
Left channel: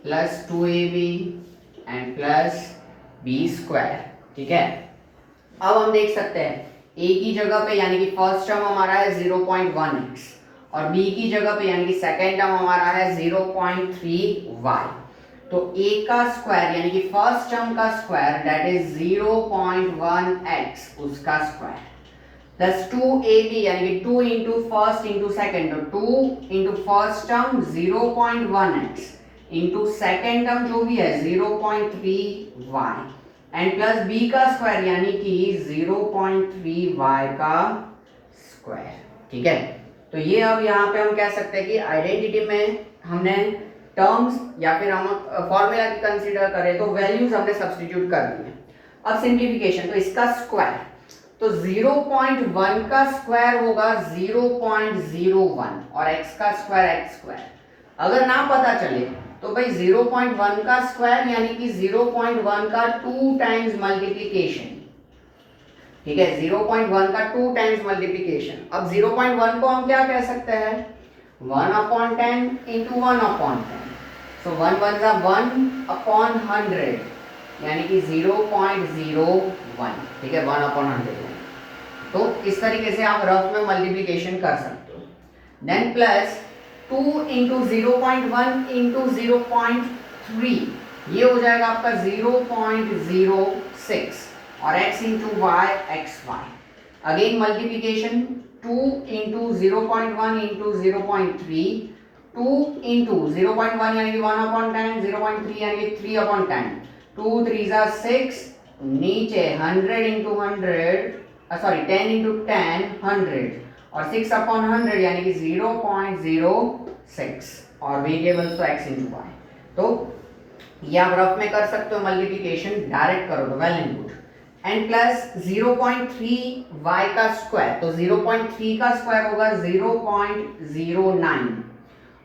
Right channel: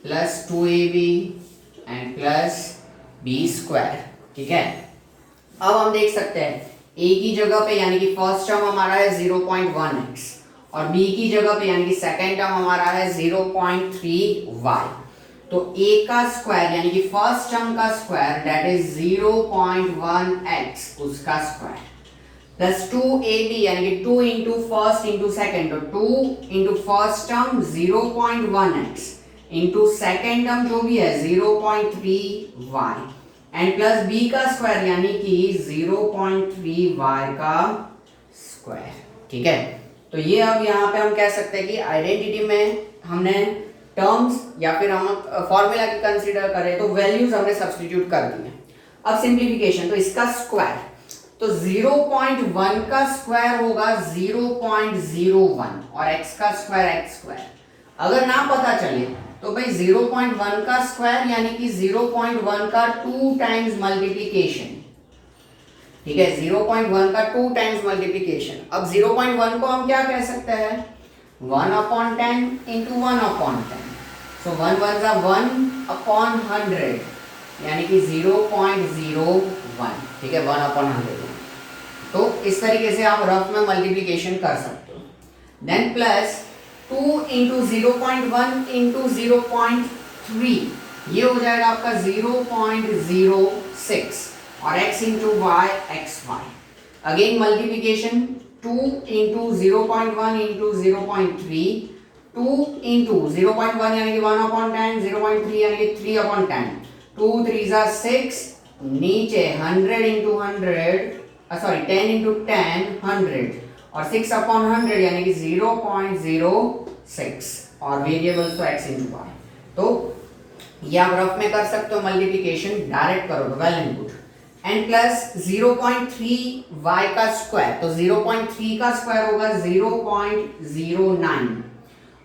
plus 2ab and plus b square, ठीक है। अब हम देख सकते हैं a की जगह पे यानी कि फर्स्ट टर्म हमारा है 0.1x और b की जगह पे यानी कि सेकेंड टर्म हमारा है 0.3y। तो a का स्क्वायर यानी कि फर्स्ट टर्म का स्क्वायर दैट इज 0.1x उसका स्क्वायर प्लस 2ab यानी कि 2 इंटू फर्स्ट इंटू सेकेंड, तो 2 into first term 0.1x into second term जो भी है 0.3y एंड प्लस b का स्क्वायर यानी कि 0.3y का स्क्वायर, ठीक है। तो ये अब यहाँ पे हम कह सकते हैं कि आइडेंटिटी में हमने टर्म्स या फिर हम फॉर्मूला की कंसीडर करें तो वैल्यूज हमने सब्स्टिट्यूट कर दी हैं। अब सिंप्लीफिकेशन, तो इसका स्क्वायर, तो 0.1 का स्क्वायर होगा 0.01 और x का स्क्वायर x स्क्वायर। अगर ना पता चले तो भाई 0.1 का स्क्वायर यानी कि 0.1 का 2 टाइम्स मल्टीप्लिकेशन, ठीक है, 0.1 का 2 टाइम्स मल्टीप्लिकेशन। अब 0.1 को हम क्या कह सकते हैं, 1/10 इंटू 1/10, सो 1 1 जा 1/100 यानी कि 0.01, ठीक है, 1/100। तो इस तरीके से आप रफ में मल्टीप्लिकेशन कर सकते हो। देन प्लस 2 इंटू 0.1 इंटू 0.3 ये हो जाएगा आपका 0.06 और x into y x y. Again multiplication 2 into 0.1 into 0.3, 2 into 0.1 यानी कि 1/10, 0.3 यानी कि 3/10, 2 3 जा 6, नीचे 100 इंटू 100 सॉरी 10 इंटू 10 100 और 6/100 यानी कि 0.06 और वेरिएबल्स तो x इंटू वाई। तो ये आप रफ में कर सकते हो मल्टीप्लिकेशन, डायरेक्ट करो तो well and good. And plus 0.3y का स्क्वायर, तो 0.3 का स्क्वायर होगा 0.09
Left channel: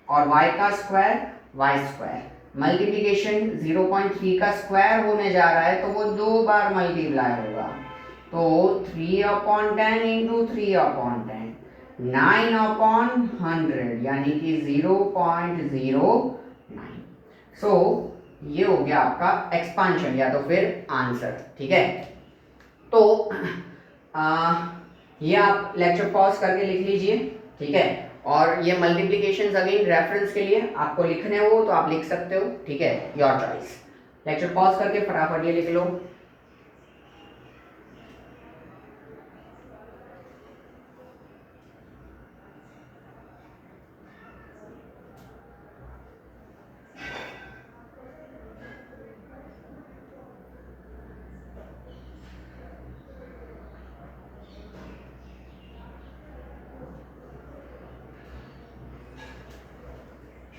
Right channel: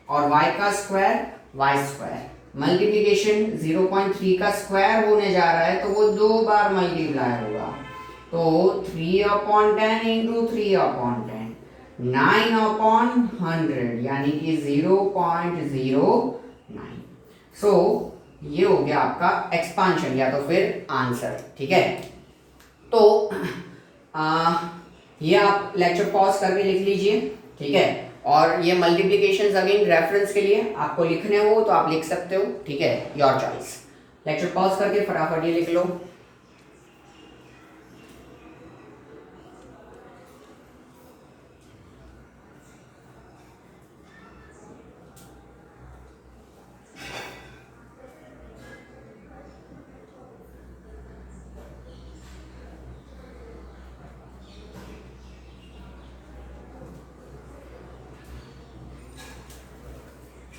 और y का स्क्वायर y स्क्वायर। मल्टीप्लिकेशन 0.3 का स्क्वायर होने जा रहा है तो वो 2 बार मल्टीप्लाई होगा, तो 3/10 इंटू 3/10 9/100 यानी कि 0.09। सो ये हो गया आपका एक्सपांशन या तो फिर आंसर, ठीक है। तो ये आप लेक्चर पॉज करके लिख लीजिए, ठीक है। और ये मल्टीप्लिकेशंस अगेन रेफरेंस के लिए आपको लिखने हो तो आप लिख सकते हो, ठीक है, योर चॉइस। लेक्चर पॉज करके फटाफट ये लिख लो।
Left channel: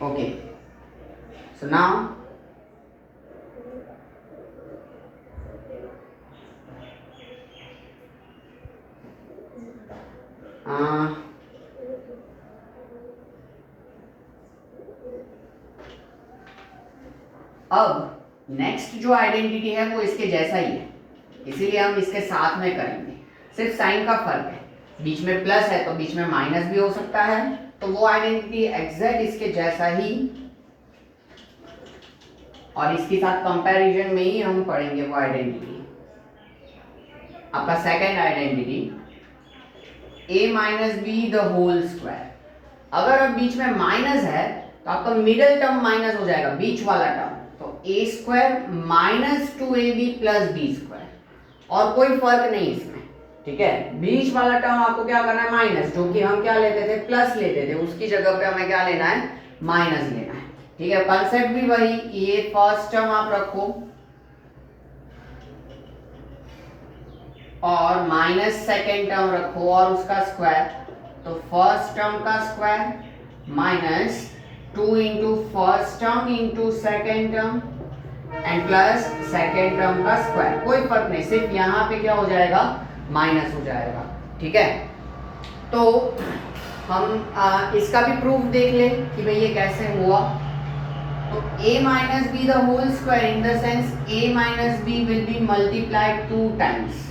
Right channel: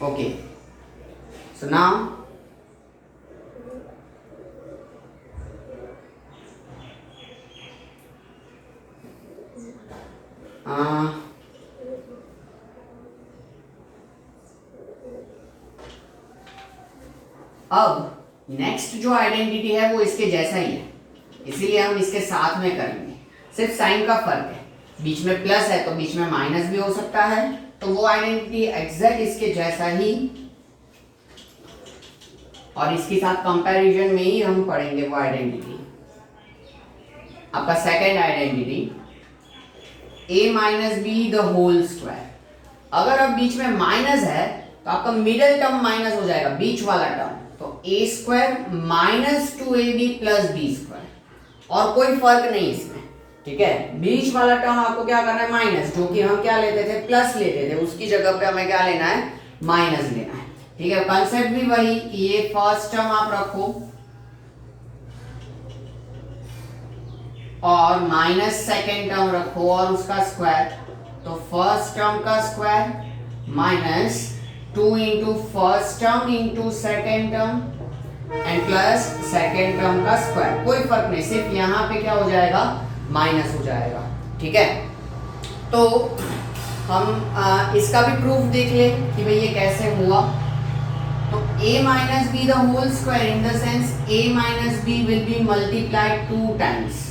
ओके, सो नाउ अब नेक्स्ट जो आइडेंटिटी है वो इसके जैसा ही है, इसीलिए हम इसके साथ में करेंगे, सिर्फ साइन का फर्क है, बीच में प्लस है तो बीच में माइनस भी हो सकता है, तो वो आइडेंटिटी एग्जैक्ट इसके जैसा ही, और इसके साथ कंपैरिजन में ही हम पढ़ेंगे वो आइडेंटिटी। आपका second identity a minus b the whole square. अगर अब बीच में माइनस है तो आपका मिडिल टर्म माइनस हो जाएगा, बीच वाला टर्म, तो a square minus 2ab plus B square, और कोई फर्क नहीं इसमें, ठीक है। बीच वाला टर्म आपको क्या करना है, माइनस, जो कि हम क्या लेते थे, प्लस लेते थे, उसकी जगह पे हमें क्या लेना है, माइनस लेना है, ठीक है। कंसेप्ट भी वही, ये फर्स्ट टर्म आप रखो और माइनस सेकेंड टर्म रखो और उसका स्क्वायर, तो फर्स्ट टर्म का square minus 2 into first term into second term and plus second term का स्क्वायर, कोई फर्क नहीं, सिर्फ यहाँ पे क्या हो जाएगा, माइनस हो जाएगा, ठीक है। तो हम इसका भी प्रूफ देख ले कि भाई ये कैसे हुआ। तो a minus b the whole square, in the sense a minus b will be multiplied 2 times,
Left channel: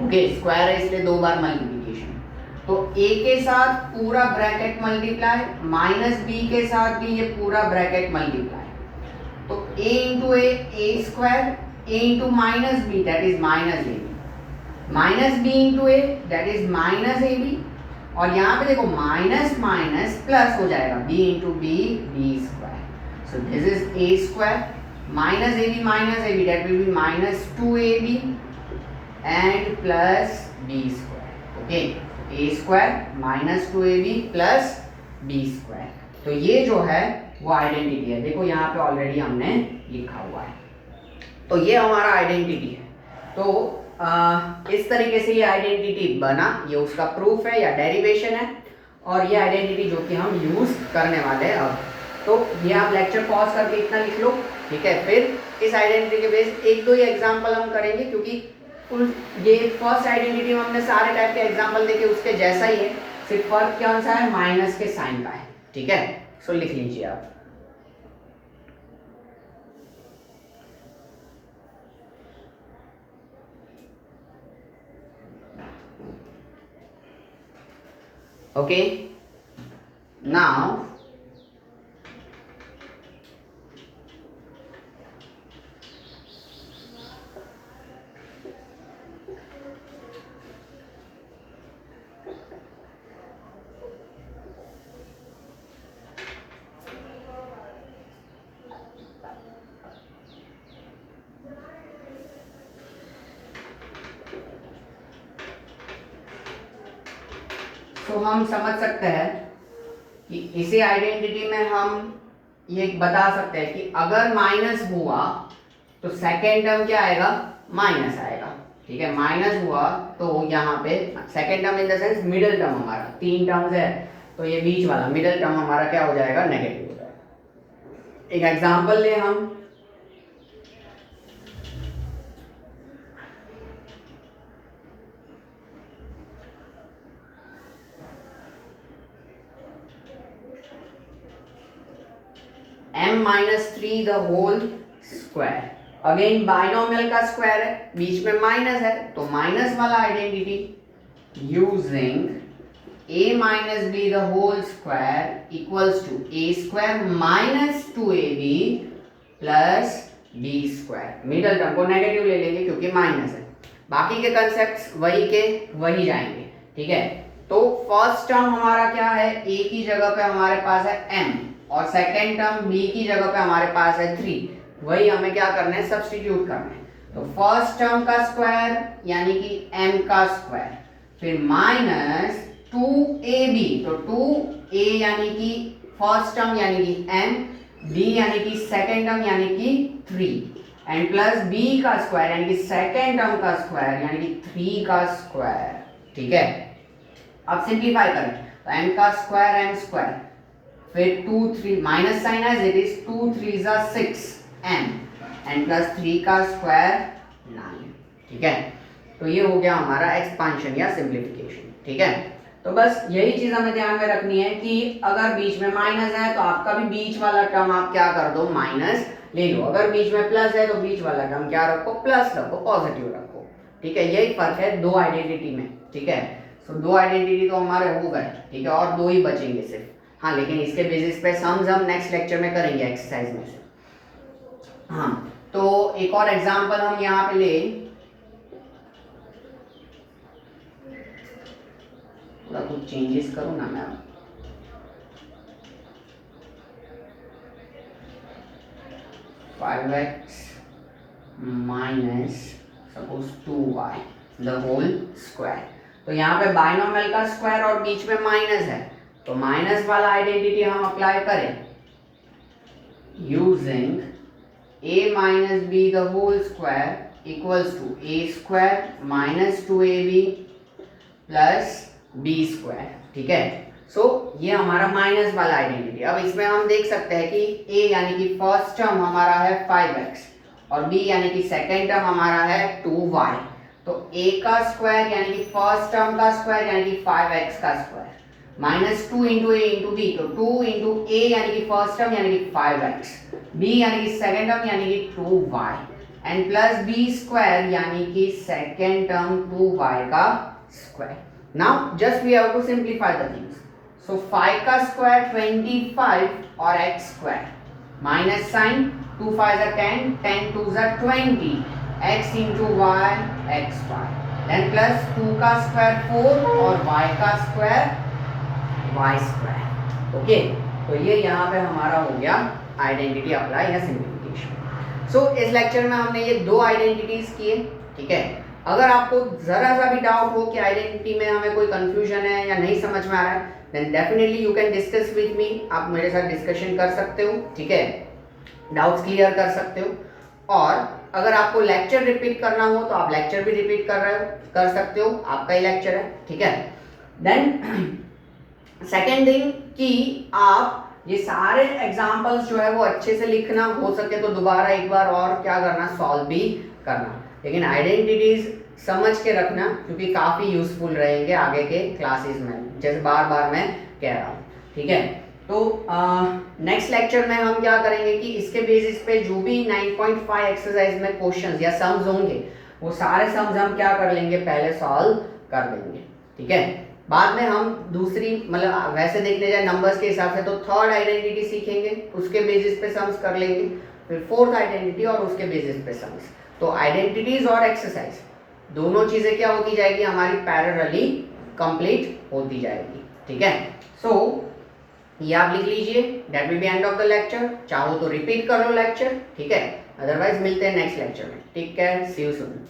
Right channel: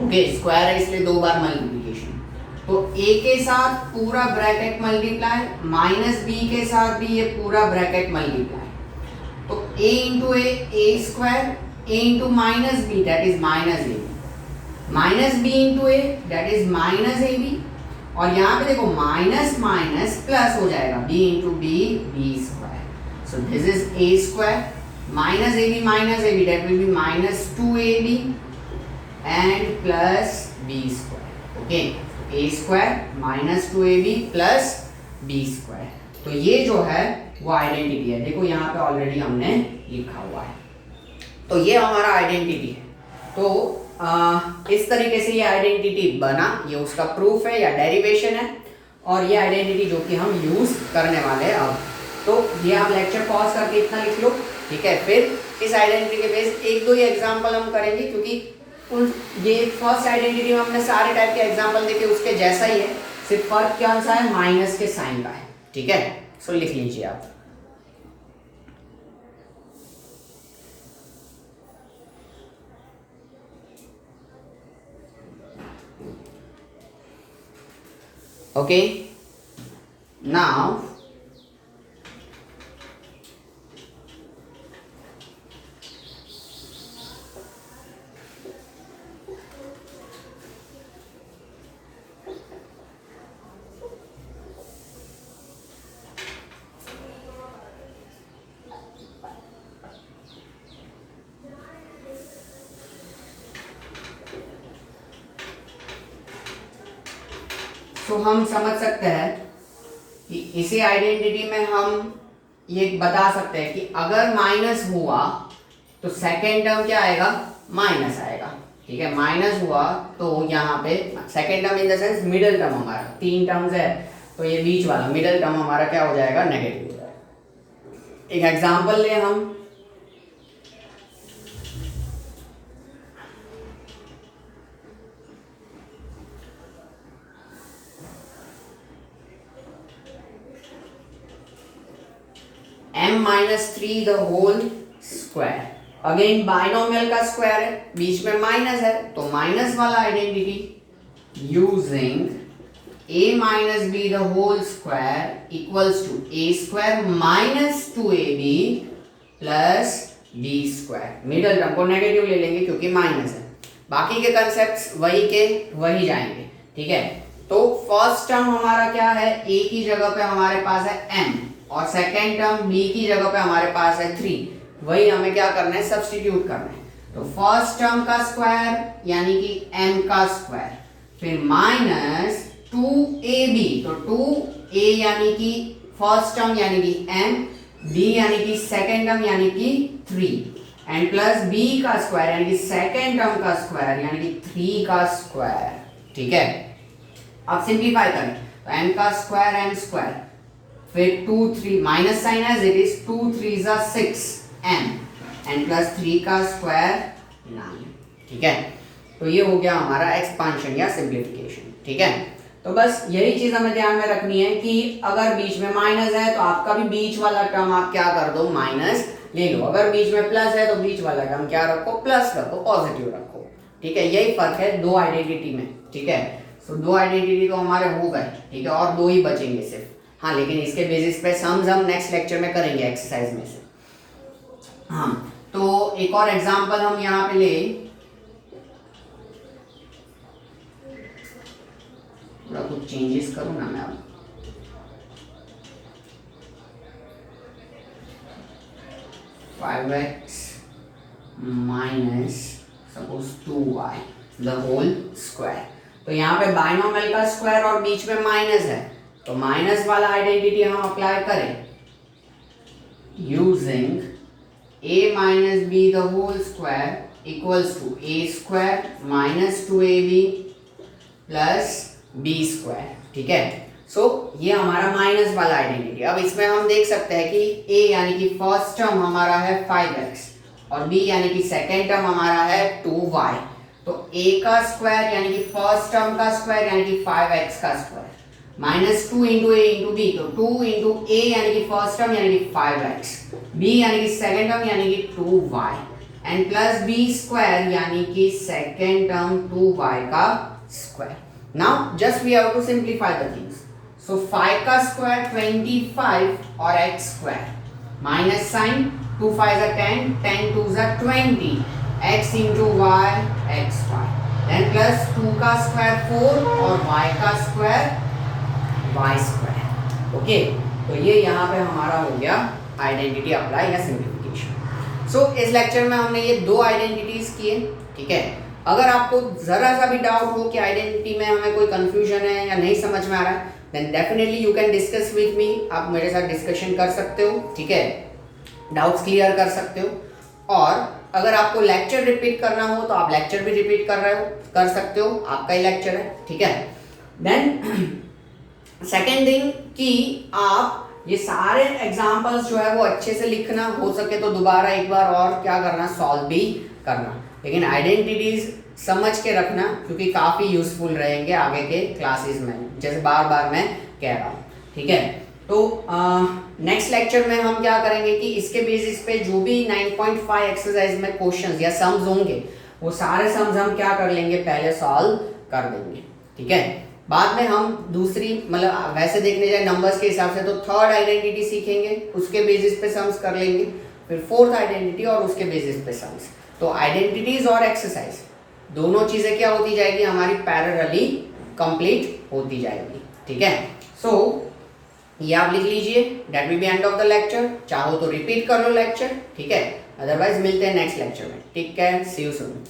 okay, square है इसलिए 2 बार मल्टीप्लिकेशन, तो a के साथ पूरा ब्रैकेट मल्टीप्लाई, माइनस b के साथ भी ये पूरा ब्रैकेट मल्टीप्लाई, तो a into a square, a into minus b that is minus a, minus b into a that is minus a b, और यहाँ पे देखो माइनस माइनस प्लस हो जाएगा, b into b square, so this is a square minus a b that will be minus 2ab and plus b square, okay, a square minus 2ab plus b square. तो ये जो है वो identity है, देखो यहाँ पे ऑलरेडी हमने लिखा हुआ है, तो ये हमारा आइडेंटिटी है। तो इस तरीके से ये आइडेंटिटी बना, ये उसका प्रूफ है या डेरिवेशन है, और ये आइडेंटिटी जो कि हम यूज करने वाले हैं अब। तो ये आप लेक्चर पॉज करके इतना लिख लो, ठीक है। फिर इस आइडेंटिटी के बेस 1-2 ही एग्जाम्पल हम करेंगे, क्योंकि ये फर्स्ट आइडेंटिटी में हमने सारे टाइप के एग्जाम्पल देखे, उसके जैसा ही है, सिर्फ फर्क कौन सा है, माइनस के साइन का है, ठीक है। सो लिख लीजिए आप। Okay, now तो हम समझ सकते हैं कि इसी आइडेंटिटी में हम ये बता सकते हैं कि अगर माइनस हुआ तो सेकेंड टर्म क्या आएगा, माइनस आएगा, ठीक है। माइनस हुआ तो यहाँ पे second term in the sense middle term, हमारा 3 टर्म्स है, तो ये बीच वाला मिडिल टर्म हमारा क्या हो जाएगा, नेगेटिव हो जाएगा। एक एग्जांपल ले हम, m minus 3 the whole square, again binomial का स्क्वायर है, बीच में माइनस है, तो माइनस वाला identity using a minus b the whole square equals to a square minus 2ab plus b square, middle term को नेगेटिव ले लेंगे क्योंकि माइनस है, बाकी के कंसेप्ट्स वही के वही जाएंगे, ठीक है। तो फर्स्ट टर्म हमारा क्या है, a की जगह पे हमारे पास है m, और सेकेंड टर्म b की जगह पे हमारे पास है 3, वही हमें क्या करना है, सब्स्टिट्यूट करना है। तो फर्स्ट टर्म का स्क्वायर यानी कि m का स्क्वायर, फिर माइनस 2ab, तो 2a यानी कि फर्स्ट टर्म यानी कि m, b यानी कि सेकेंड टर्म यानी कि 3, एंड प्लस b का स्क्वायर यानी कि सेकेंड टर्म का स्क्वायर यानी कि 3 का स्क्वायर, ठीक है। अब सिंप्लीफाई करें तो n का स्क्वायर m स्क्वायर, फिर 2 3 minus sign as it is, 2 3 जा 6 m, n प्लस 3 का स्क्वायर 9। ठीक है, तो ये हो गया हमारा एक्सपांशन या सिंप्लीफिकेशन। ठीक है, तो बस यही चीज हमें ध्यान में रखनी है कि अगर बीच में माइनस है तो आपका भी बीच वाला टर्म आप क्या कर दो, माइनस ले लो। अगर बीच में प्लस है तो बीच वाला टर्म क्या रखो, प्लस रखो, पॉजिटिव रखो। ठीक है, यही फर्क है दो आइडेंटिटी में। ठीक है, सो दो आइडेंटिटी तो हमारे हो गए। ठीक है, और दो ही बचेंगे सिर्फ। हाँ, लेकिन इसके बेसिस पे सम्स हम नेक्स्ट लेक्चर में करेंगे एक्सरसाइज में से। हाँ, तो एक और एग्जांपल हम यहाँ पे ले, थोड़ा कुछ चेंजेस करूँ ना मैं अब। 5x minus suppose 2y the whole square. तो यहाँ पे बाइनोमियल का स्क्वायर और बीच में माइनस है, तो माइनस वाला आइडेंटिटी हम अप्लाई करें using a minus b the whole square equals to a square minus 2ab plus B square. ठीक है, सो ये हमारा माइनस वाला आइडेंटिटी। अब इसमें हम देख सकते हैं कि a यानी कि फर्स्ट टर्म हमारा है 5x और b यानी कि सेकेंड टर्म हमारा है 2y। तो a का स्क्वायर यानी कि फर्स्ट टर्म का स्क्वायर यानी कि 5x का स्क्वायर माइनस 2 इंटू ए इंटू बी, तो 2 इंटू ए यानी कि फर्स्ट टर्म यानी कि 5x, b यानी कि सेकेंड टर्म यानी कि 2y and plus B square यानी कि सेकेंड टर्म 2y का square. Now just we have to simplify the things. So 5 का स्क्वायर 25 और x square minus sign 2 5 are 10, 10 2 are 20, x into y x y, then plus 2 का square 4 और y का square y square. Okay, तो ये यहाँ पे हमारा हो गया आइडेंटिटी अप्लाई या सिंप्लीफिकेशन। सो इस लेक्चर में हमने ये दो आइडेंटिटीज किए। ठीक है, अगर आपको जरा सा भी डाउट हो कि आइडेंटिटी में हमें कोई कंफ्यूजन है या नहीं समझ में आ रहा है, then definitely you can discuss with me. आप मेरे साथ डिस्कशन कर सकते हो। ठीक है, डाउट्स क्लियर कर सकते हो। और अगर आपको लेक्चर रिपीट करना हो तो आप लेक्चर भी रिपीट कर सकते हो, आपका ही लेक्चर है। ठीक है, देन सेकेंड थिंग कि आप ये सारे एग्जाम्पल्स जो है वो अच्छे से लिखना, हो सके तो दोबारा एक बार और क्या करना, सॉल्व भी करना। लेकिन आइडेंटिटीज समझ के रखना क्योंकि काफ़ी यूजफुल रहेंगे आगे के क्लासेस में, जैसे बार बार मैं कह रहा हूँ। ठीक है, तो नेक्स्ट लेक्चर में हम क्या करेंगे कि इसके बेसिस पे जो भी 9.5 एक्सरसाइज में क्वेश्चंस या सम्स होंगे वो सारे सम्स हम क्या कर लेंगे, पहले सॉल्व कर देंगे। ठीक है, बाद में हम दूसरी मतलब वैसे देखने जाए नंबर्स के हिसाब से तो थर्ड आइडेंटिटी सीखेंगे, उसके बेसिस पे सम्स कर लेंगे, फिर फोर्थ आइडेंटिटी और उसके बेसिस पे सम्स। तो आइडेंटिटीज और एक्सरसाइज दोनों चीजें क्या होती जाएगी, हमारी पैरेलली कंप्लीट होती जाएगी। ठीक है, सो ये आप लिख लीजिए, that will B end of the lecture. चाहो तो रिपीट कर लो लेक्चर। ठीक है, अदरवाइज मिलते हैं नेक्स्ट लेक्चर में। ठीक है, सी यू सून।